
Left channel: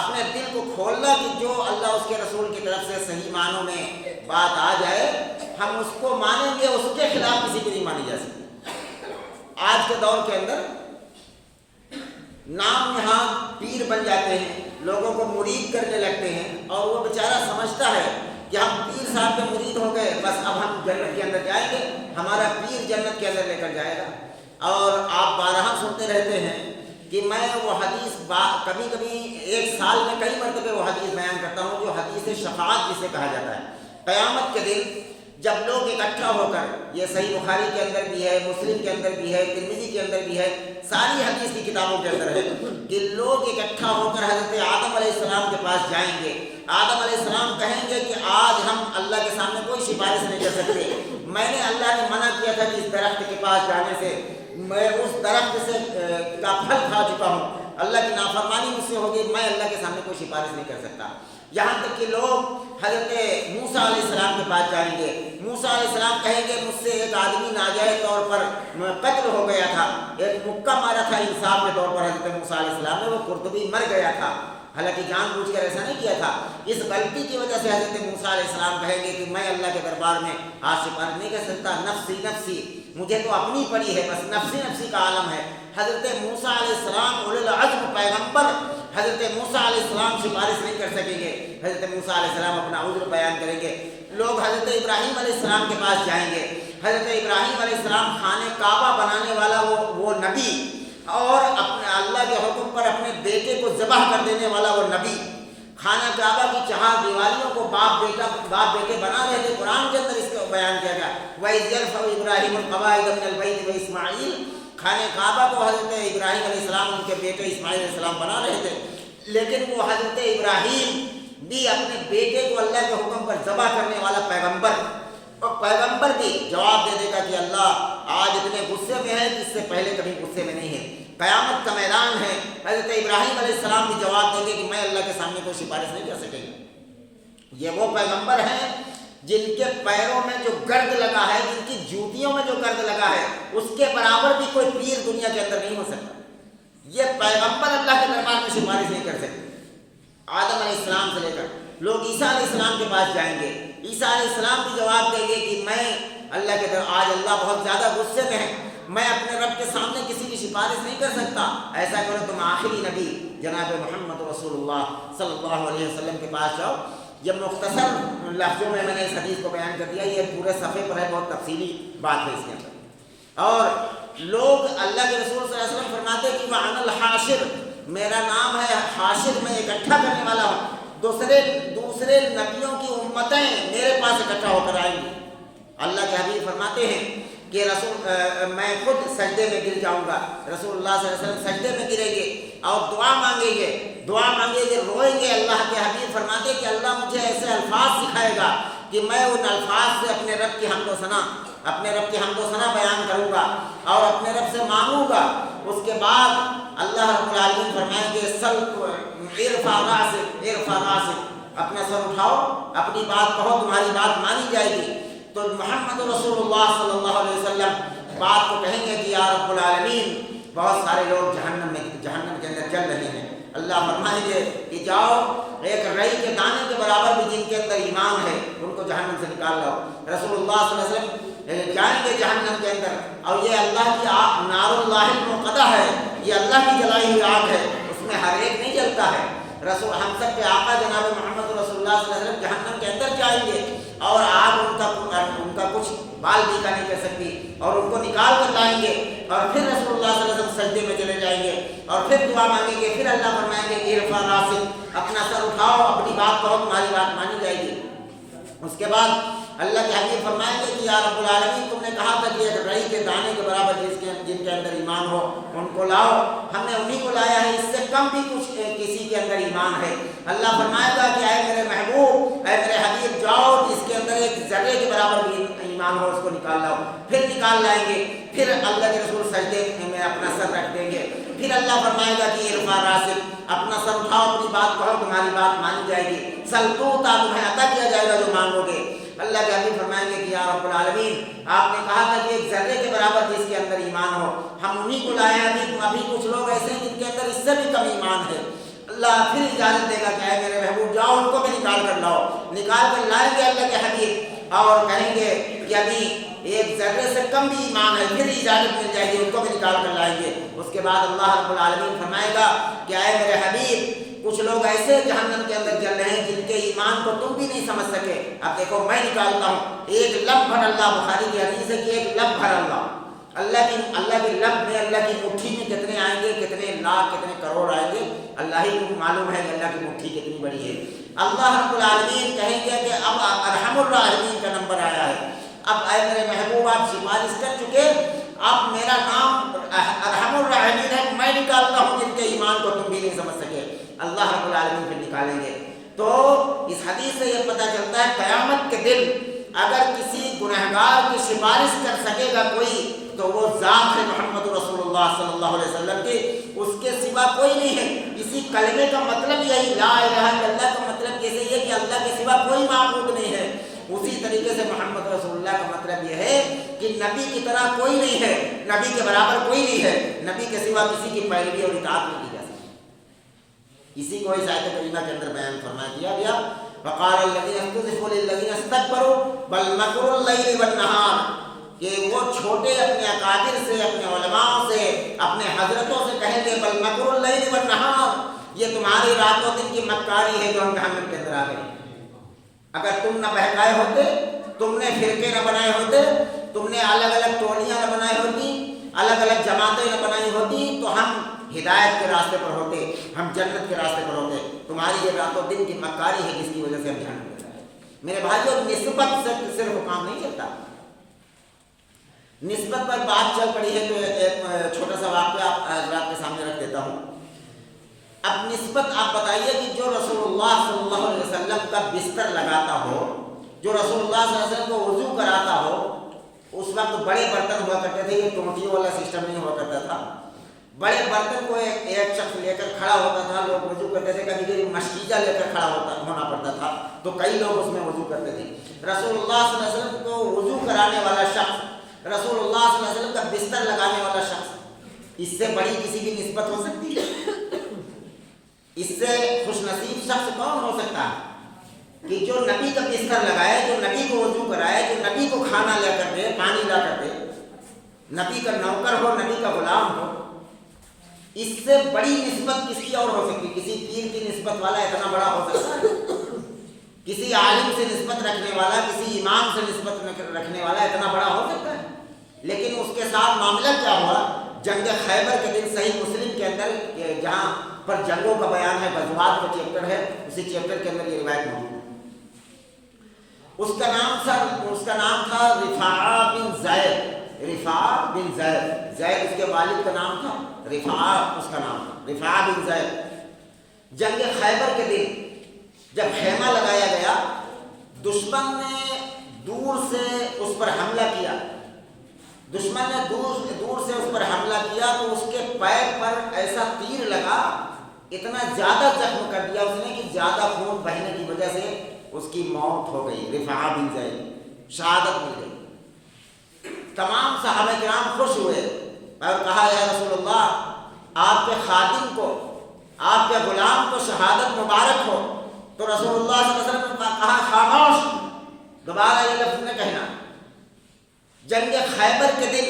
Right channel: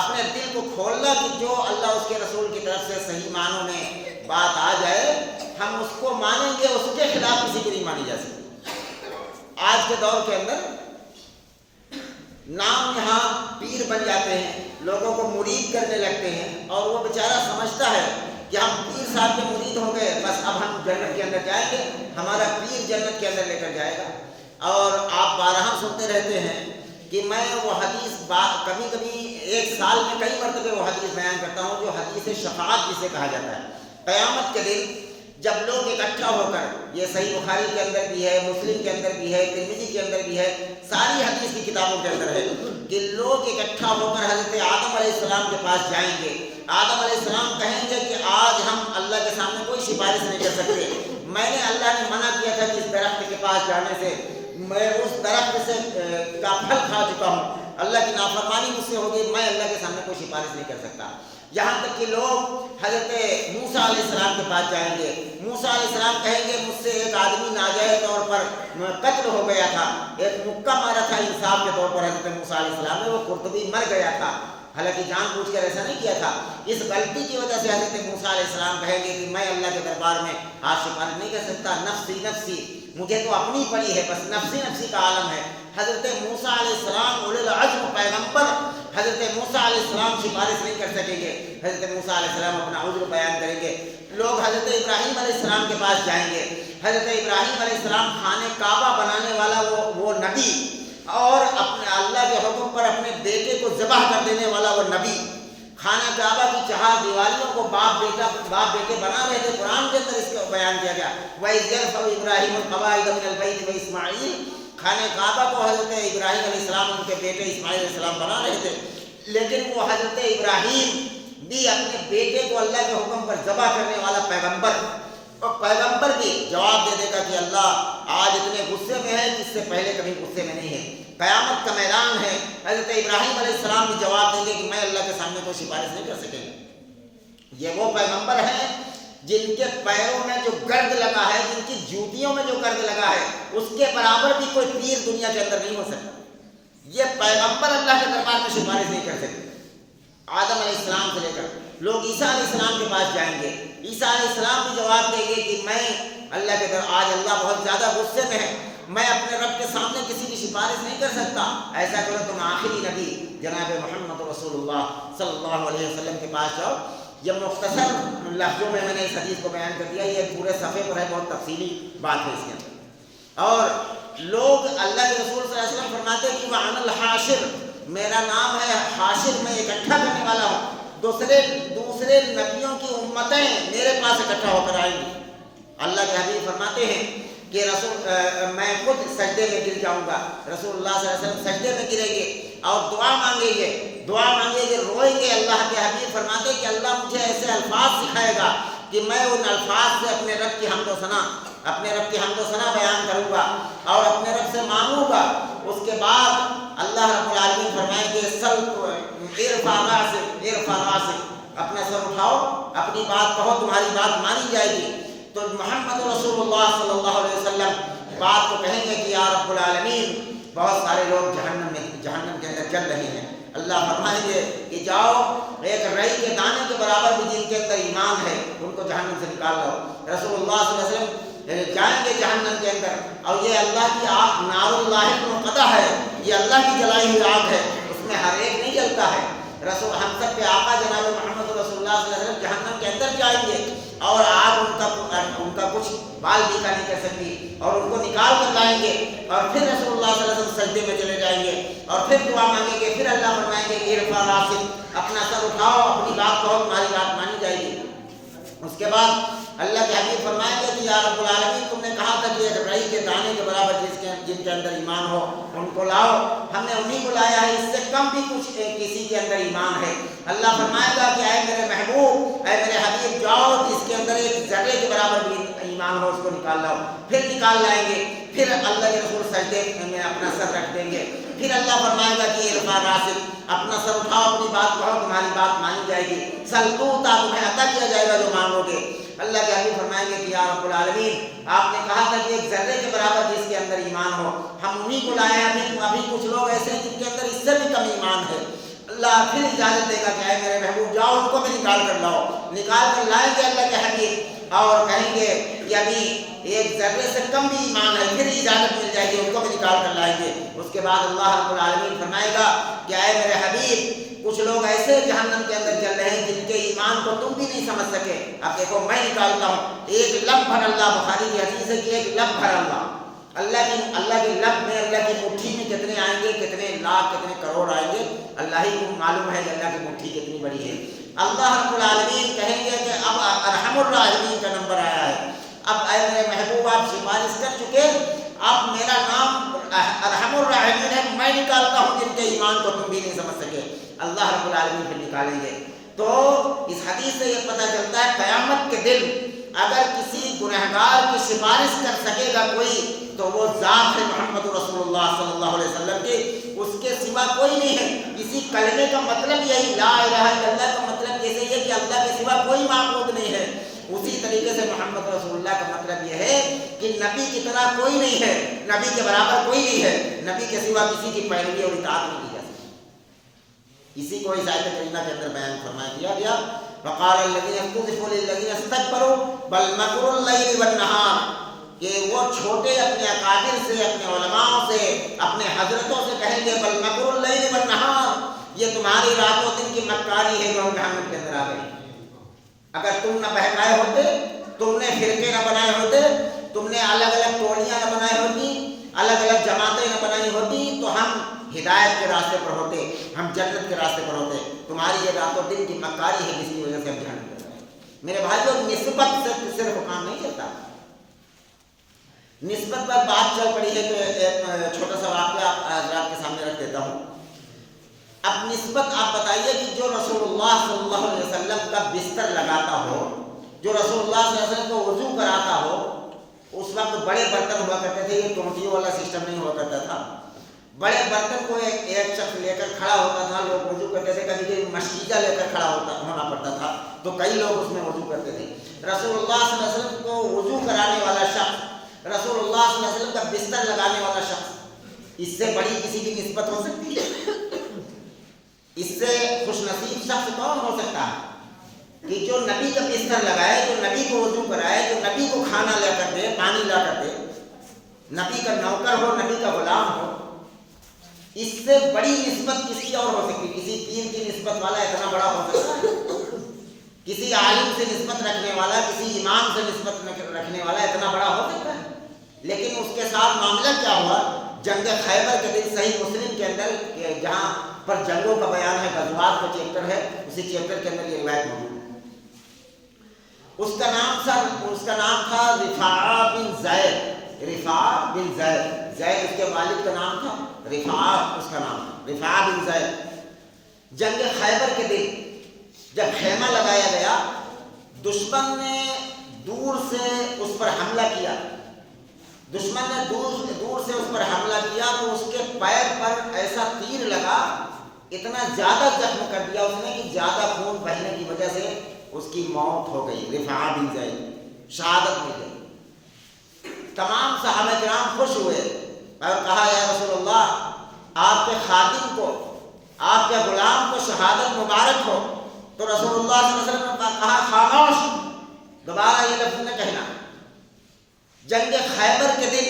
اپنے دل کو کھولنا کہ جو اللہ اس کے رسول کی طرف سے صحیح معنوں میں بات آ جائے ہم اس کو مانیں گے، اس کے خلاف کسی کو نہیں مانی جا سکتی۔ آج کے دور کے اندر نام نہاد پیر بن جاتے ہیں، لوگوں کو مرید کرنے لگتے ہیں، اور وہ بیچارہ سمجھتا ہے کہ ہم پیر صاحب کے مرید ہو گئے، بس اب ہم جنت کے اندر جائیں گے، ہمارا پیر جنت کے اندر لے کر جائے گا۔ اور آپ بارہا سنتے رہتے ہیں کہ میں وہ حدیث کبھی کبھی ایک سال میں کئی مرتبہ وہ حدیث بیان کرتا ہوں جو حدیث شفاعت جسے کہا جاتا ہے۔ قیامت کے دن جب لوگ اکٹھا ہو کر، یہ صحیح بخاری کے اندر بھی ہے، مسلم کے اندر بھی ہے، ترمذی کے اندر بھی ہے، ساری حدیث کی کتابوں کے اندر ہے کہ لوگ اکٹھا ہو کر حضرت آدم علیہ السلام کے پاس جائیں گے۔ آدم علیہ السلام کہیں گے کہ آج ہم اللہ کے سامنے کوئی سفارش نہیں کر سکتے، میں نے اللہ نے منع کیا تھا کہ اس درخت کے پاس جانے سے، میں اس درخت سے کا پھل کھا چکا ہوں، اللہ کی نافرمانی مجھ سے ہوگی، میں اللہ کے سامنے کوئی سفارش نہیں کر سکتا۔ یہاں تک کہ لوگ حضرت موسیٰ علیہ السلام کے پاس جائیں گے، موسیٰ علیہ السلام کہیں گے مجھ سے ایک آدمی ناجائز طور پر قتل ہو گیا تھا، ایک مکہ مارا تھا انصاف کے طور پر حضرت موسیٰ علیہ السلام نے، وہ قرطبی مر گیا تھا، حالانکہ جان بوجھ کر ایسا نہیں کیا تھا، اس غلطی کی وجہ سے حضرت موسیٰ علیہ السلام کہیں گے کہ میں اللہ کے دربار میں آج سفارش نہیں کر سکتا، نفسی نفسی، مجھے تو اپنی پڑی ہے، بس نفسی نفسی کا عالم ہے۔ حضرت موسیٰ علیہ السلام اولو العزم پیغمبر، حضرت موسیٰ علیہ السلام سفارش نہیں کر سکیں گے، حضرت موسیٰ علیہ السلام اپنا عذر بیان کریں گے۔ لوگ حضرت ابراہیم علیہ السلام کے پاس جائیں گے، حضرت ابراہیم علیہ السلام خانہ کعبہ بنانے والا وہ نبی، اور اپنے اللہ کے حکم پر اپنے بیٹے کو ذبح کر دینے والا وہ نبی، خانہ کعبہ کی چہار دیواریوں کو باپ بیٹے بنا رہے تھے، قرآن کے اندر اس کو بیان کیا گیا وَإِذْ يَرْفَعُ إِبْرَاهِيمُ الْقَوَاعِدَ مِنَ الْبَيْتِ وَإِسْمَاعِيلُ، خانہ کعبہ کو حضرت ابراہیم علیہ السلام ان کے بیٹے اسماعیل علیہ السلام بنا رہے تھے، لیکن وہ حضرت ابراہیم بھی اپنے بیٹے کو اللہ کے حکم پر ذبح کرنے والا پیغمبر، اور پیغمبر بھی جواب دے دے گا کہ اللہ آج اتنے غصے میں ہے کہ اس سے پہلے کبھی غصے میں نہیں ہے، قیامت کا میدان ہے۔ حضرت ابراہیم علیہ السلام بھی جواب دیں گے کہ میں اللہ کے سامنے کوئی سفارش نہیں کر سکیں گا۔ یہ وہ پیغمبر ہیں جن کے پیروں میں جو گرد لگا ہے، جن کی جوتیوں میں جو گرد لگا ہے، اس کے برابر بھی کوئی پیر دنیا کے اندر نہیں ہو سکتا۔ یہ پیغمبر اللہ کے دربار میں سفارش نہیں کر سکتے، آدم علیہ السلام سے لے کر لوگ عیسیٰ علیہ السلام کے پاس جائیں گے، عیسیٰ علیہ السلام بھی جواب دیں گے کہ میں اللہ کے در آج اللہ بہت زیادہ غصے میں ہے، میں اپنے رب کے سامنے کسی کی سفارش نہیں کر سکتا، ایسا کرو تم آخری نبی جناب محمد رسول اللہ صلی اللہ علیہ وسلم کے پاس جاؤ۔ یہ مختصر لفظوں میں نے اس حدیث کو بیان کر دیا، یہ پورے صفحے پر ہے، بہت تفصیلی بات ہے اس کے اندر۔ اور لوگ اللہ کے رسول صلی اللہ علیہ وسلم فرماتے کہ وَأَنَا الْحَاشِرُ، میرا نام ہے حاشر، میں اکٹھا کرنے والا ہوں، دوسرے نبیوں کی امتیں میرے پاس اکٹھا ہو کر آئیں گی۔ اللہ کے حبیب فرماتے ہیں کہ میں خود سجدے میں گر جاؤں گا، رسول اللہ صلی اللہ علیہ وسلم سجدے میں گریں گے اور دعا مانگیں گے، روئیں گے۔ اللہ کے حبیب فرماتے کہ اللہ مجھے ایسے الفاظ سکھائے گا کہ میں ان الفاظ سے اپنے رب کی حمد و ثنا بیان کروں گا اور اپنے رب سے مانگوں گا۔ اس کے بعد اللہ رب العالمین فرمائیں گے ارفع راسک، اپنا سر اٹھاؤ، اپنی بات کہو، تمہاری بات مانی جائے گی۔ تو محمد رسول اللہ صلی اللہ علیہ وسلم بات کو کہیں گے کہ یا رب العالمین بہت سارے لوگ جہنم کے اندر جل رہے ہیں، اللہ فرمائیں گے کہ جاؤ ایک رئی کے دانے کے برابر بھی جن کے اندر ایمان ہے ان کو جہنم سے نکال لاؤ۔ رسول اللہ صلی اللہ علیہ وسلم جائیں گے جہنم کے اندر، اور یہ اللہ کی آگ نار اللہ الموقدہ ہے، یہ اللہ کی جلائی ہوئی آگ ہے، اس میں ہر ایک نہیں جلتا ہے۔ ہم سب کے آقا جناب محمد رسول اللہ صلی اللہ علیہ وسلم جہنم کے اندر جائیں گے اور آگ ان کا کچھ بال بھی کا نہیں کر سکتی، اور ان کو نکال کر لائیں گے، اور پھر رسول اللہ صلی اللہ علیہ وسلم سجدے میں چلے جائیں گے اور پھر دعا مانگیں گے، پھر اللہ فرمائیں گے کہ ارفع راسک، اپنا سر اٹھاؤ، اپنی بات کہو، تمہاری بات مانی جائے گی۔ اس کے بعد اللہ کے حبیب فرمائیں گے کہ یا رب العالمین تم نے کہا تھا کہ ایک رئی کے دانے کے برابر جن کے اندر ایمان ہو ان کو لاؤ، ہم نے انہی کو لایا ہے، اس سے کم بھی کسی کے اندر ایمان ہے۔ اللہ فرمائے گا کہ اے میرے محبوب، اے میرے حبیب، جاؤ جس کے اندر ایک ذرے کے برابر بھی ایمان ہو اس کو نکال لاؤ، پھر نکال لائیں گے، پھر اللہ کے رسول سجدے میں اپنا سر رکھ دیں گے، پھر اللہ فرمائے گا کہ ارفع راسک، اپنا سر اٹھاؤ، اپنی بات کہو، تمہاری بات مانی جائے گی، سل توتا، تمہیں عطا کیا جائے گا جو مانگو گے۔ اللہ کے حبیب فرمائیں گے کہ یا رب العالمین آپ نے کہا تھا کہ ایک ذرے کے برابر جس کے اندر ایمان ہو، ہم انہی کو لائے ہیں، ابھی کچھ لوگ ایسے ہیں جن کے اندر اس سے بھی کم ایمان ہے۔ اللہ پھر اجازت دے گا کہ اے میرے محبوب جاؤ ان کو بھی نکال کر لاؤ، نکال کر لائیں گے اللہ کے حبیب اور کہیں گے کہ ابھی ایک ذرے سے کم بھی ایمان ہے، پھر اجازت مل جائے گی، ان کو بھی نکال کر لائیں گے۔ اس کے بعد اللہ رب العالمین فرمائے گا کہ اے میرے حبیب کچھ لوگ ایسے جہنم کے اندر جل رہے ہیں جن کے ایمان کو تم بھی نہیں سمجھ سکے، اب دیکھو میں نکالتا ہوں، ایک لب بھر اللہ، بخاری کی حدیث ہے کہ ایک لب بھر اللہ کی لب میں، اللہ کی مٹھی میں کتنے آئیں گے، کتنے لاکھ کتنے کروڑ آئیں گے، اللہ ہی کو معلوم ہے کہ اللہ کی مٹھی کتنی بڑی ہے۔ اللہ رب العالمین کہیں گے کہ اب ارحم الراحمین کا نمبر آیا ہے، اب اے میرے محبوب آپ سفارش کر چکے، اب میرا نام ارحم الراحمین ہے، میں نکالتا ہوں جن کے ایمان کو تم بھی نہیں سمجھ سکے۔ اللہ رب العالمین پھر نکالیں گے۔ تو اس حدیث سے یہ پتہ چلتا ہے قیامت کے دن اگر کسی گنہگار کی سفارش کر سکے گا کوئی تو وہ ذات ہے محمد رسول اللہ صلی اللہ علیہ وسلم کی، اس کے سوا کوئی نہیں ہے۔ اسی کلمے کا مطلب یہی، لا الہ الا اللہ کا مطلب جیسے یہ کہ اللہ کے سوا کوئی معبود نہیں ہے، اسی طریقے سے محمد رسول اللہ کا مطلب یہ ہے کہ نبی کی طرح کوئی نہیں ہے، نبی کے برابر کوئی نہیں ہے، نبی کے سوا کسی کی پیروی اور اطاعت نہیں کی جا سکتی۔ اسی کو اس آیت کریمہ کے اندر بیان فرما دیا گیا، وقال الذين استضعفوا للذين استكبروا بل مكر الليل والنهار، کہ وہ چھوٹے اپنے اکابر سے، اپنے علماء سے، اپنے حضرتوں سے کہیں گے بل مکر اللیل والنہار، یہ تمہاری رات و دن کی مکاری ہے جو ہم جہنم کے اندر آ گئے۔ اگر تم نہ بہکائے ہوتے، تم نے فرقے نہ بنائے ہوتے، تم نے الگ الگ ٹولیاں نہ بنائی ہوتی، الگ الگ جماعتیں نہ بنائی ہوتی، تو ہم ہدایت کے راستے پر ہوتے، ہم جنت کے راستے پر ہوتے۔ تمہاری یہ رات و دن کی مکاری ہے جس کی وجہ سے ہم جہنم میں گئے۔ میرے بھائیوں، نسبت سے صرف کام نہیں چلتا، نسبت پر بات چل پڑی ہے تو ایک چھوٹا سا واقعہ حضرات کے سامنے رکھ دیتا ہوں۔ اب نسبت آپ بتائیے کہ جو رسول اللہ صلی اللہ علیہ وسلم کا بستر لگاتا ہو، جو رسول اللہ صلی اللہ علیہ وسلم کو وضو کراتا ہو، اس وقت بڑے برتن ہوا کرتے تھے، یہ ٹونٹیوں والا سسٹم نہیں ہوا کرتا تھا، بڑے برتن کو ایک شخص لے کر کھڑا ہوتا تھا، لوگ وضو کرتے تھے، کبھی کبھی مشکیزہ لے کر کھڑا ہونا پڑتا تھا تو کئی لوگ اس میں وضو کرتے تھے۔ رسول اللہ صلی اللہ علیہ وسلم کو وضو کرانے والا شخص، رسول اللہ صلی اللہ علیہ وسلم کا بستر لگانے والا شخص، اس سے بڑی کسی کی نسبت ہو سکتی ہے؟ اس سے خوش نصیب شخص کون ہو سکتا ہے کہ جو نبی کا بستر لگائے، جو نبی کو وضو کرائے، جو نبی کو کھانا لا کر دے، پانی لا کر دے، نبی کا نوکر ہو، نبی کا غلام ہو۔ اس سے بڑی نسبت کس کی اور ہو سکتی؟ کسی پیر کی نسبت والا اتنا بڑا ہو سکتا ہے؟ کسی عالم سے نسبت رکھنے والا، کسی امام سے نسبت رکھنے والا اتنا بڑا ہو سکتا ہے؟ لیکن اس کے ساتھ معاملہ کیا ہوا؟ جنگ خیبر کے دن صحیح مسلم کے اندر جہاں پر جنگوں کا بیان ہے، غزوات کا چیپٹر ہے، اسی چیپٹر کے اندر یہ روایت موجود ہے۔ اس کا نام تھا رفاعہ بن زید، رفاعہ بن زید، زید اس کے والد کا نام تھا، رفاعہ اس کا نام تھا، رفاعہ بن زید۔ جنگ خیبر کے دن جب خیمہ لگایا گیا، دشمن نے دور سے اس پر حملہ کیا، دشمن نے دور سے اس پر حملہ کیا تو اس کے پیر پر ایسا تیر لگا، اتنا زیادہ زخم کر دیا اس نے کہ زیادہ خون بہنے کی وجہ سے اس کی موت ہو گئی۔ رفاعہ بن زید شہادت مل گئی۔ تمام صحابہ کرام خوش ہوئے اور کہا یا رسول اللہ، آپ کے خادم کو، آپ کے غلام کو شہادت مبارک ہو۔ تو رسول اللہ صلی اللہ علیہ وسلم نے کہا خاموش، دوبارہ یہ لفظ نہ کہنا۔ جنگ خیبر کے دن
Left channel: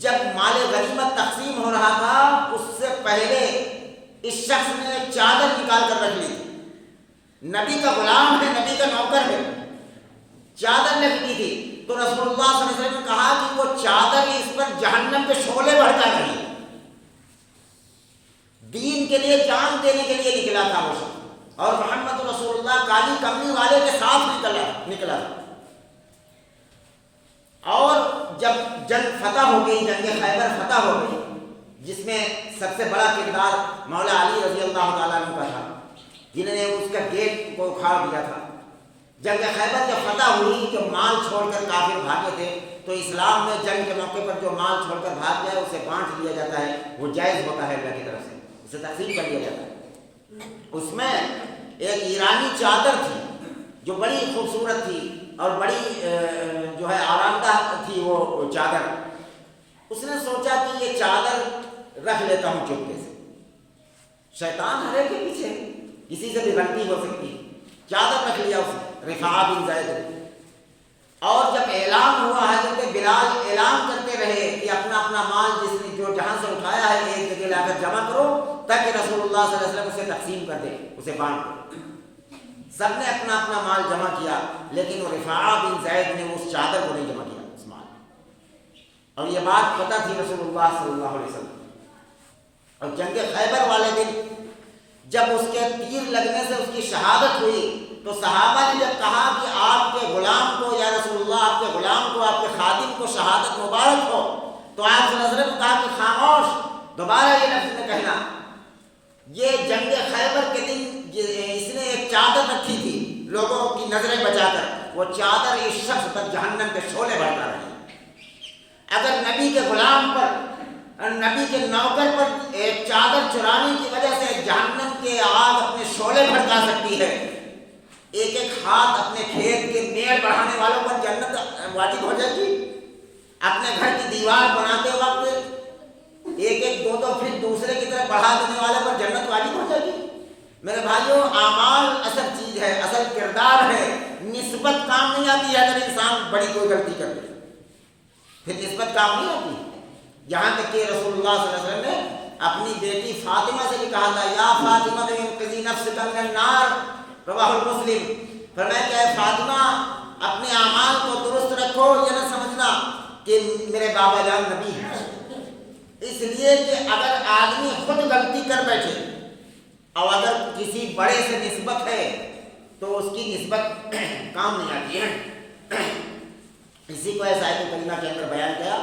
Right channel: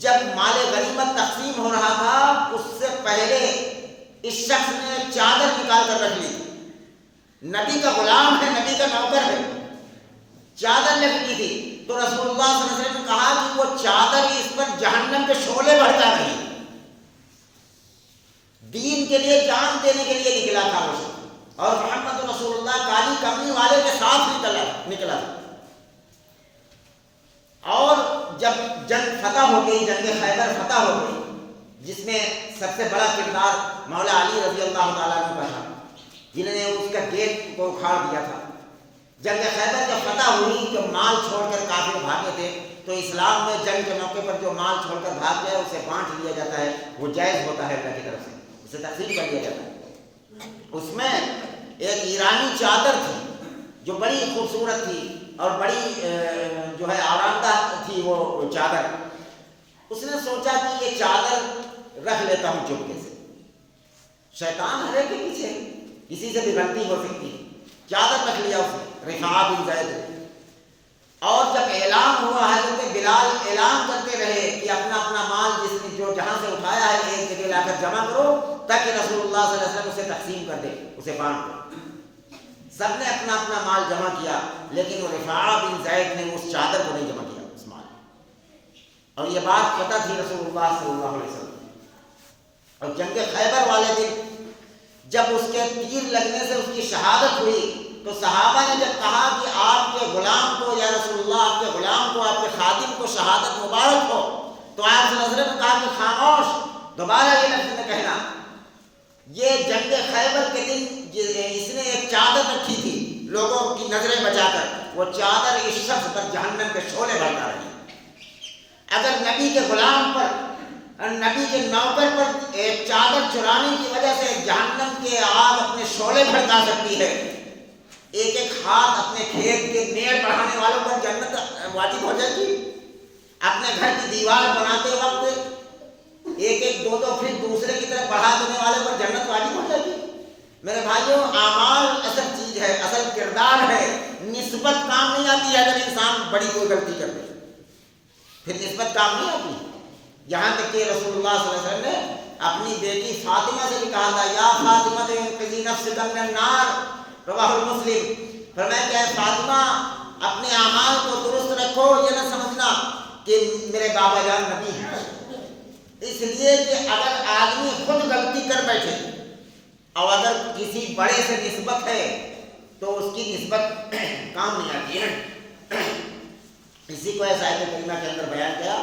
جب مال غنیمت تقسیم ہو رہا تھا، اس سے پہلے اس شخص نے چادر نکال کر رکھ لی۔ نبی کا غلام ہے، نبی کا نوکر ہے، چادر لگی تھی تو رسول اللہ صلی اللہ علیہ وسلم نے کہا کہ وہ چادر اس پر جہنم کے شعلے بھڑکا رہی۔ دین کے لیے جان دینے کے لیے نکلا تھا وہ شخص، اور محمد رسول اللہ کالی کملی والے کے ساتھ نکلا تھا۔ اور جب جنگ فتح ہو گئی، جنگ خیبر فتح ہو گئی، جس میں سب سے بڑا کردار مولا علی رضی اللہ تعالیٰ عنہ کا تھا، جنہوں نے اس کا گیٹ کو اکھاڑ دیا تھا۔ جنگ خیبر جب فتح ہوئی، جو مال چھوڑ کر کافر بھاگے تھے، تو اسلام میں جنگ کے موقع پر جو مال چھوڑ کر بھاگ جائے اسے بانٹ لیا جاتا ہے، وہ جائز ہوتا ہے اللہ کی طرف سے، اسے تقسیم کر لیا جاتا ہے۔ اس میں ایک ایرانی چادر تھی جو بڑی خوبصورت تھی اور بڑی جو ہے آرام دہ تھی وہ چادر۔ اس نے سوچا کہ یہ چادر رکھ لیتا ہوں چپکے سے، شیطان ہر ایک کے پیچھے، کسی سے بھی غلطی ہو سکتی ہے۔ چادر رکھ لیا اس نے، رفاعہ بن زید نے۔ اور جب اعلان ہوا، حضرت بلال اعلان کرتے رہے کہ اپنا اپنا مال جس نے جو جہاں سے اٹھایا ہے ایک جگہ لا کر جمع کرو، تاکہ رسول اللہ صلی اللہ علیہ وسلم اسے تقسیم کر دے، اسے بانٹ دے۔ سب نے اپنا اپنا مال جمع کیا، لیکن وہ رفاعہ بن زید نے اس چادر کو نہیں جمع کیا، اس مال۔ اور یہ بات پتہ تھی رسول اللہ صلی اللہ علیہ وسلم۔ اور جنگ خیبر والے دن جب اس کے تیر لگنے سے اس کی شہادت ہوئی، تو صحابہ نے جب کہا کہ آپ کے غلام کو، یا رسول اللہ آپ کے غلام کو، آپ کے خادم کو شہادت مبارک ہو، تو آپ صلی اللہ علیہ وسلم نے کہا کہ خاموش، دوبارہ یہ لفظ نہ کہنا۔ یہ جنگ خیبر کے دن اس نے ایک چادر رکھی تھی لوگوں کی نظریں بچا کر، وہ چادر اس شخص پر جہنم کے شعلے بھڑکا رہی۔ اگر نبی کے غلام پر، نبی کے نوکر پر ایک چادر چرانے کی وجہ سے جہنم کے آگ اپنے شعلے بھڑکا سکتی ہے، ایک ایک ہاتھ اپنے کھیت کے میڑ بڑھانے والوں پر جنت واجب ہو جائے گی۔ اپنے گھر کی دیوار بناتے وقت ایک ایک دو دو فٹ دوسرے کی طرف بڑھا دینے والے پر جنت واجب ہو جائے گی۔ میرے بھائیوں، اعمال اصل چیز ہے، اصل کردار ہے۔ نسبت کام نہیں آتی ہے۔ اگر انسان بڑی کوئی غلطی کر دے پھر نسبت کام نہیں آتی۔ یہاں تک کہ رسول اللہ صلی اللہ علیہ وسلم نے اپنی بیٹی فاطمہ سے بھی کہا تھا، یا فاطمہ انقذی نفسک من النار، رواہ مسلم۔ فرمایا کہ اے فاطمہ، اپنے اعمال کو درست رکھو، یہ نہ سمجھنا کہ میرے بابا جان نبی ہیں۔ اس لیے کہ اگر آدمی خود غلطی کر بیٹھے اور اگر کسی بڑے سے نسبت ہے تو اس کی نسبت کام نہیں آتی ہے۔ اسی کو ایسا آیت کریمہ کے اندر بیان کیا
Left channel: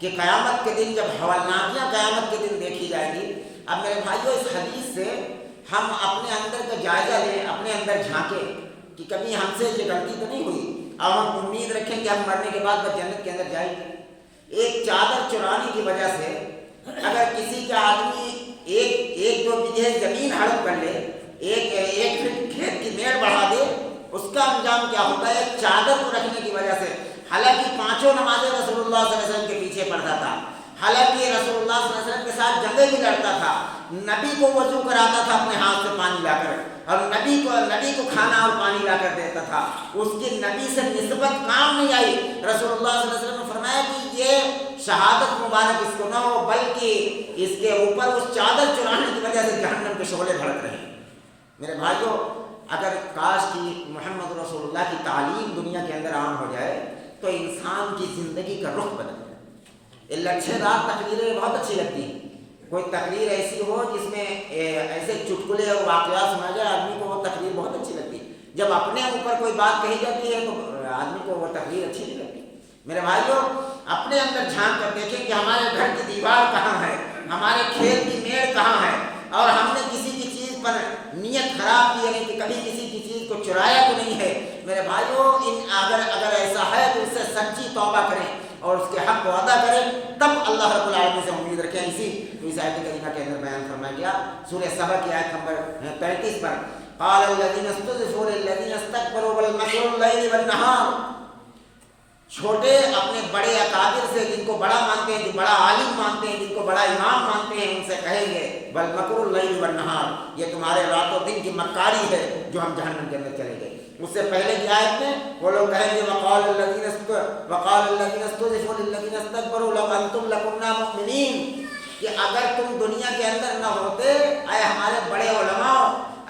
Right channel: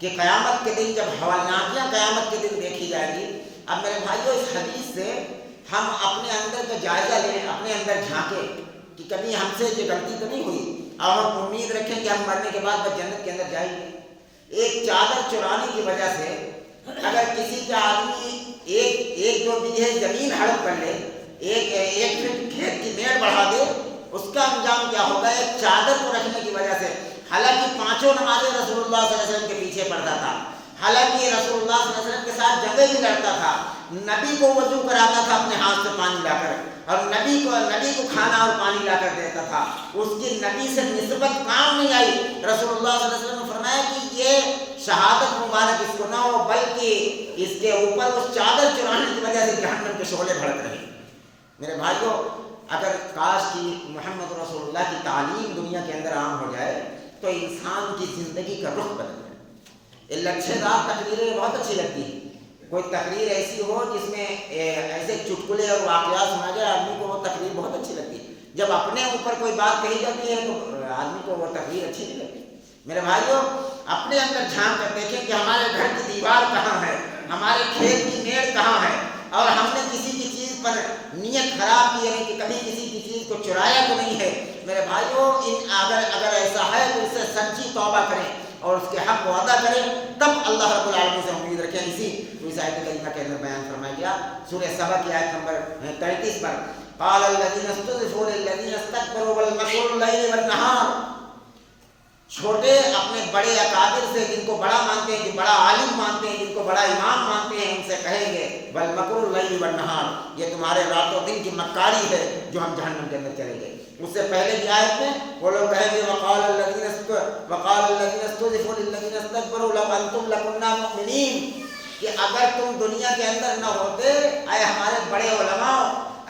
کہ قیامت کے دن جب حولناکیاں قیامت کے دن دیکھی جائیں گی۔ اب میرے بھائیوں، اس حدیث سے ہم اپنے اندر کا جائزہ لیں، اپنے اندر جھانکیں کہ کبھی ہم سے یہ غلطی تو نہیں ہوئی، اور ہم امید رکھیں کہ ہم مرنے کے بعد بس جنت کے اندر جائیں گے۔ ایک چادر چرانے کی وجہ سے اگر کسی کا آدمی ایک دو بیگھے زمین ہڑپ کر لے، ایک فٹ کھیت کی میڑ بڑھا دے، اس کا انجام کیا ہوگا؟ ایک چادر کو رکھنے کی وجہ سے، حالانکہ پانچوں نمازیں رسول اللہ صلی اللہ علیہ وسلم کے پیچھے پڑھتا تھا، حالانکہ رسول اللہ صلی اللہ علیہ وسلم کے ساتھ جنگیں بھی لڑتا تھا، نبی کو وضو کراتا تھا اپنے ہاتھ سے پانی لا کر، اور نبی کو کھانا اور پانی لا کر دیتا تھا، اس کی نبی سے نسبت کام نہیں آئی۔ رسول اللہ صلی اللہ علیہ وسلم نے فرمایا کہ یہ شہادت مبارک اس کو نہ ہو، بلکہ اس کے اوپر اس چادر چرانے کی وجہ سے جہنم کے شعلے بھڑک رہے ہیں۔ میرے بھائیو، اگر کاش کی محمد رسول اللہ کی تعلیم دنیا کے اندر عام ہو جائے تو انسان کی زندگی کا رخ بدل جائے۔ یہ لچھےدار تقریریں بہت اچھی لگتی ہیں، کوئی تقریر ایسی ہو جس میں ایسے چٹکلے اور واقعات سنا جائے، آدمی کو وہ تقریر بہت اچھی لگتی ہے۔ جب اپنے اوپر کوئی بات کہی جاتی ہے تو آدمی کو وہ تقریر اچھی نہیں لگتی۔ میرے بھائیوں، اپنے اندر جھانک کر دیکھیں کہ ہمارے گھر کی دیوار کہاں ہے، ہمارے کھیت کی میڑ کہاں ہے، اور ہم نے کسی کی چیز پر نیت خراب کی، یعنی کہ کبھی کسی کی چیز کو چرایا تو نہیں ہے۔ میرے بھائیوں، اگر ایسا ہے تو اس سے سچی توبہ کریں اور اس کے حق کو ادا کریں، تب اللہ رب العالمین سے امید رکھیں۔ اس آیت کریمہ کے اندر بیان فرمایا گیا سورہ سبا کی آیت نمبر 33 پر، قال الذین استضعفوا للذین استکبروا بل مکر اللیل والنہار۔ چھوٹے اپنے بڑے اکابر سے، جن کو بڑا مانتے ہیں، جو بڑا عالم مانتے ہیں، جن کو بڑا امام مانتے ہیں، ان سے کہیں گے بل مکر اللیل والنہار، یہ تمہارے رات و دن کی مکاری ہے جو ہم جہنم کے اندر چلے گئے۔ اس سے پہلے کی آیت میں وہ لوگ کہیں گے وقال الذین استضعفوا للذین استکبروا لو انتم لکنا مؤمنین، کہ اگر تم دنیا کے اندر نہ ہوتے، اے ہمارے بڑے علماء،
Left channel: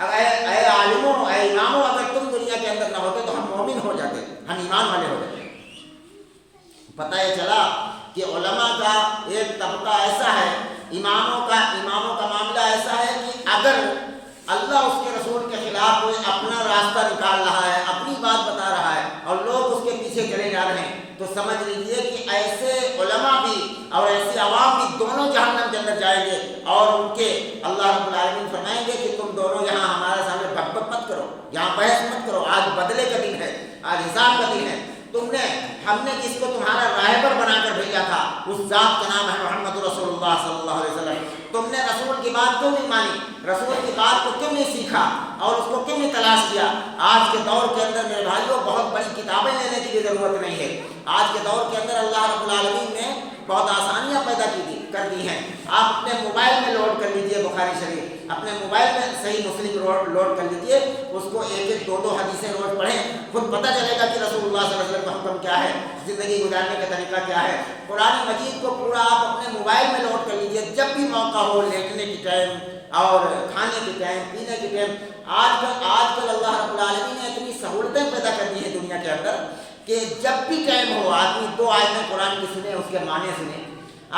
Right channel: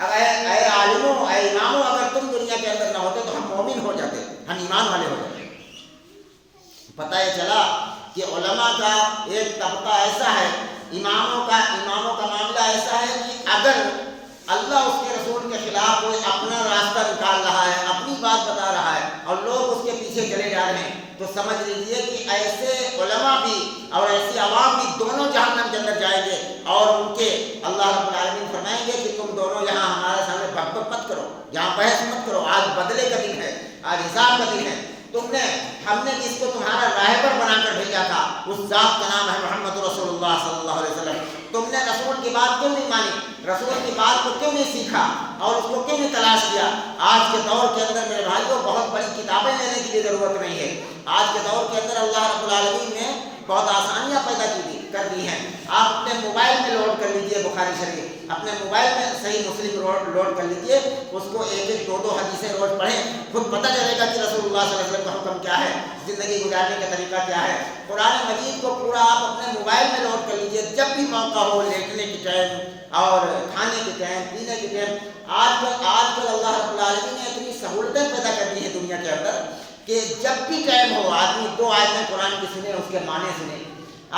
اے عالموں، اے اماموں، اگر تم دنیا کے اندر نہ ہوتے تو ہم مومن ہو جاتے، ہم ایمان والے ہو جاتے۔ پتہ یہ چلا کہ علماء کا ایک طبقہ ایسا ہے، اماموں کا معاملہ ایسا ہے کہ اگر اللہ اس کے رسول کے خلاف کوئی اپنا راستہ نکال رہا ہے، اپنی بات بتا رہا ہے اور لوگ اس کے پیچھے چلے جا رہے ہیں، تو سمجھ لیجئے کہ ایسے علماء بھی اور ایسی عوام بھی دونوں جہنم کے اندر جائیں گے، اور ان کے اللہ رب العالمین فرمائیں گے کہ تم دونوں یہاں ہمارے سامنے بک بک مت کرو، یہاں بحث مت کرو، آج بدلے کا دن ہے، آج حساب کا دن ہے۔ ہم نے جس کو تمہارا راہبر بنا کر بھیجا تھا، اس ذات کا نام ہے محمد رسول اللہ صلی اللہ علیہ وسلم، تم نے رسول کی بات کیوں نہیں مانی، رسول کی بات کو کیوں نہیں سیکھا اور اس کو کیوں نہیں تلاش کیا؟ آج کے دور کے اندر میرے بھائیوں بہت بڑی کتابیں لینے کی بھی ضرورت نہیں ہے۔ آج کے دور کے اندر اللہ رب العالمین نے بہت آسانیاں پیدا کر دی ہیں۔ آپ اپنے موبائل میں لوڈ کر لیجئے بخاری شریف، اپنے موبائل میں صحیح مسلم لوڈ کر لیجئے، اس کو ایک دو حدیثیں روز پڑھیں، خود پتہ چلے گا کہ رسول اللہ صلی اللہ علیہ وسلم کا حکم کیا ہے، زندگی گزارنے کا طریقہ کیا ہے۔ قرآن مجید کو پورا آپ اپنے موبائل میں لوڈ کر لیجئے، جب بھی موقع ہو، لیٹنے کی ٹائم اور کھانے کے ٹائم، پینے کے ٹائم۔ آج کل اللہ رب العالمین نے اتنی سہولتیں پیدا کر دی ہیں دنیا کے اندر کہ جب بھی ٹائم ہو، آدمی 2 آیتیں قرآن کی سنے، اس کے معنی سنے،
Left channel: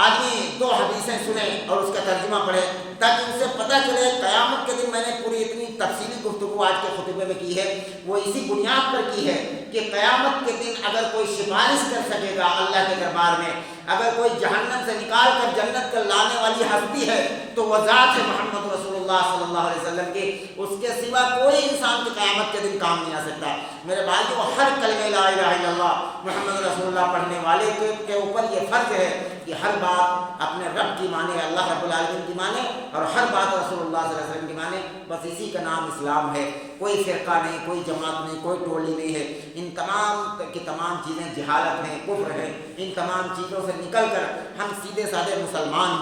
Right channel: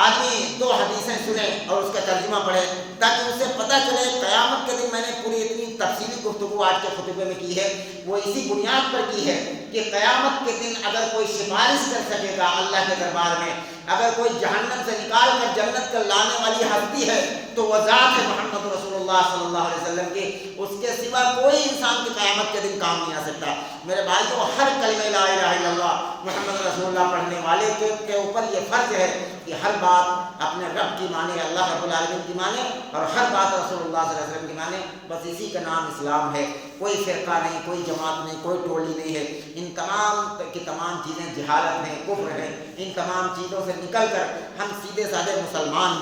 آدمی 2 حدیثیں سنے اور اس کا ترجمہ پڑھے، تاکہ اسے پتہ چلے قیامت کے دن۔ میں نے پوری اتنی تفصیلی گفتگو آج کے خطبے میں کی ہے، وہ اسی بنیاد پر کی ہے کہ قیامت کے دن اگر کوئی سفارش کر سکے گا اللہ کے دربار میں، اگر کوئی جہنم سے نکال کر جنت کر لانے والی ہستی ہے تو وہ ذات ہے محمد رسول اللہ صلی اللہ علیہ وسلم کی، اس کے سوا کوئی انسان کی قیامت کے دن کام نہیں آ سکتا۔ میرے بھائیوں، ہر کلمہ لا الہ الا اللہ محمد رسول اللہ پڑھنے والے کے اوپر یہ فرض ہے کہ ہر بات اپنے رب کی مانے، اللہ رب العالمین کی مانے، اور ہر بات رسول اللہ صلی اللہ علیہ وسلم کی مانے۔ بس اسی کا نام اسلام ہے، کوئی فرقہ نہیں، کوئی جماعت نہیں، کوئی ٹولی نہیں ہے۔ ان تمام کی تمام چیزیں جہالت ہیں، کفر ہیں۔ ان تمام چیزوں سے نکل کر ہم سیدھے سادے مسلمان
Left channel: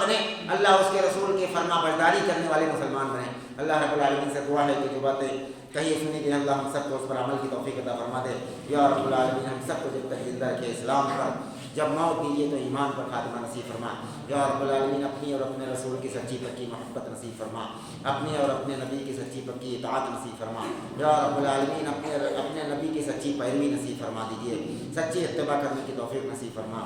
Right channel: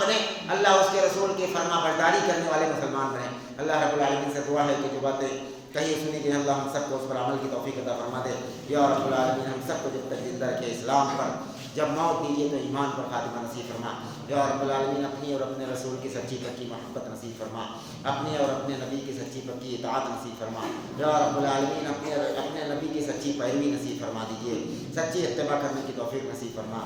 بنیں، اللہ اس کے رسول کی فرما برداری کرنے والے مسلمان بنیں۔ اللہ رب العالمین سے دعا ہے کہ جو باتیں کہیں سنی گئی اللہ ہم سب کو اس پر عمل کی توفیق عطا فرما دے۔ یا رب العالمین ہم سب کو جب تک زندہ رکھے اسلام پر، جب موت دیجیے تو ایمان پر خاتمہ نصیب فرما۔ یا رب العالمین اپنی اور اپنے رسول کی سچی پکی محبت نصیب فرما، اپنے اور اپنے نبی کی سچی پکی اطاعت نصیب فرما۔ یا رب العالمین اپنے نبی کی سچی پیروی نصیب فرما دیجیے، سچی اتباع کرنے کی توفیق نصیب فرما۔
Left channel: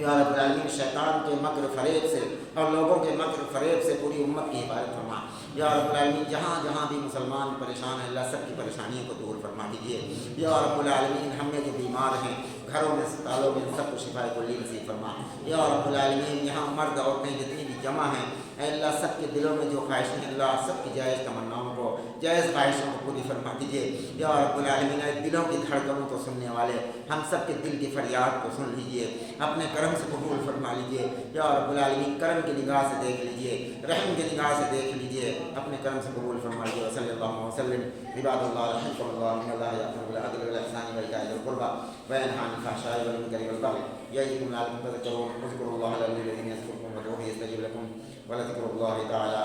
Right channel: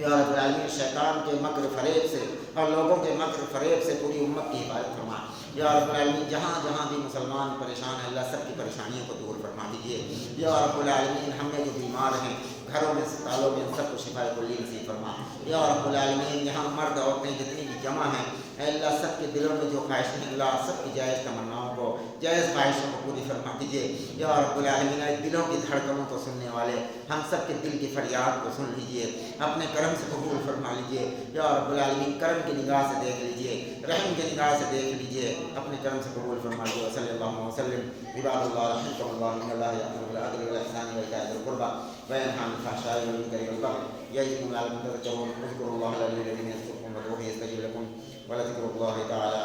یا رب العالمین شیطان کے مکر فریب سے اور لوگوں کے مکر فریب سے پوری امت کی حفاظت فرما۔ یا رب العالمین جہاں جہاں بھی مسلمان پریشان ہیں اللہ سب کی پریشانیوں کو دور فرما دیجیے۔ یا رب العالمین ہم میں جو بیمار ہیں گھروں میں اسپتالوں میں سب کو شفا کلی نصیب فرما۔ یا رب العالمین یہاں مرد عورتیں جتنی بھی جمع ہیں اے اللہ سب کے دلوں میں جو خواہشیں ہیں اللہ سب کی جائز تمناؤں کو، جائز خواہشوں کو پوری فرما دیجیے۔ یا رب العالمین دلوں کی دھڑکنوں کو سننے والے ہم سب کے دل کی فریاد کو سن لیجیے، اپنے کرم سے قبول فرما لیجیے۔ یا رب العالمین کرم کی نگاہ سے دیکھ لیجیے، رحم کی نگاہ سے دیکھ لیجیے، اپنے کرم سے قبول فرما لیجیے۔ صلی اللہ وسلم عباد اللہ رحمۃ اللہ، ان اللہ یأمر بالعدل والإحسان وإيتاء ذی القربى وینہی عن الفحشاء والمنکر والبغی يعظكم لعلكم تذكرون. اذكروا الله العلي الذي يذكركم وادعوه يستجب لكم ولذكر الله تعالى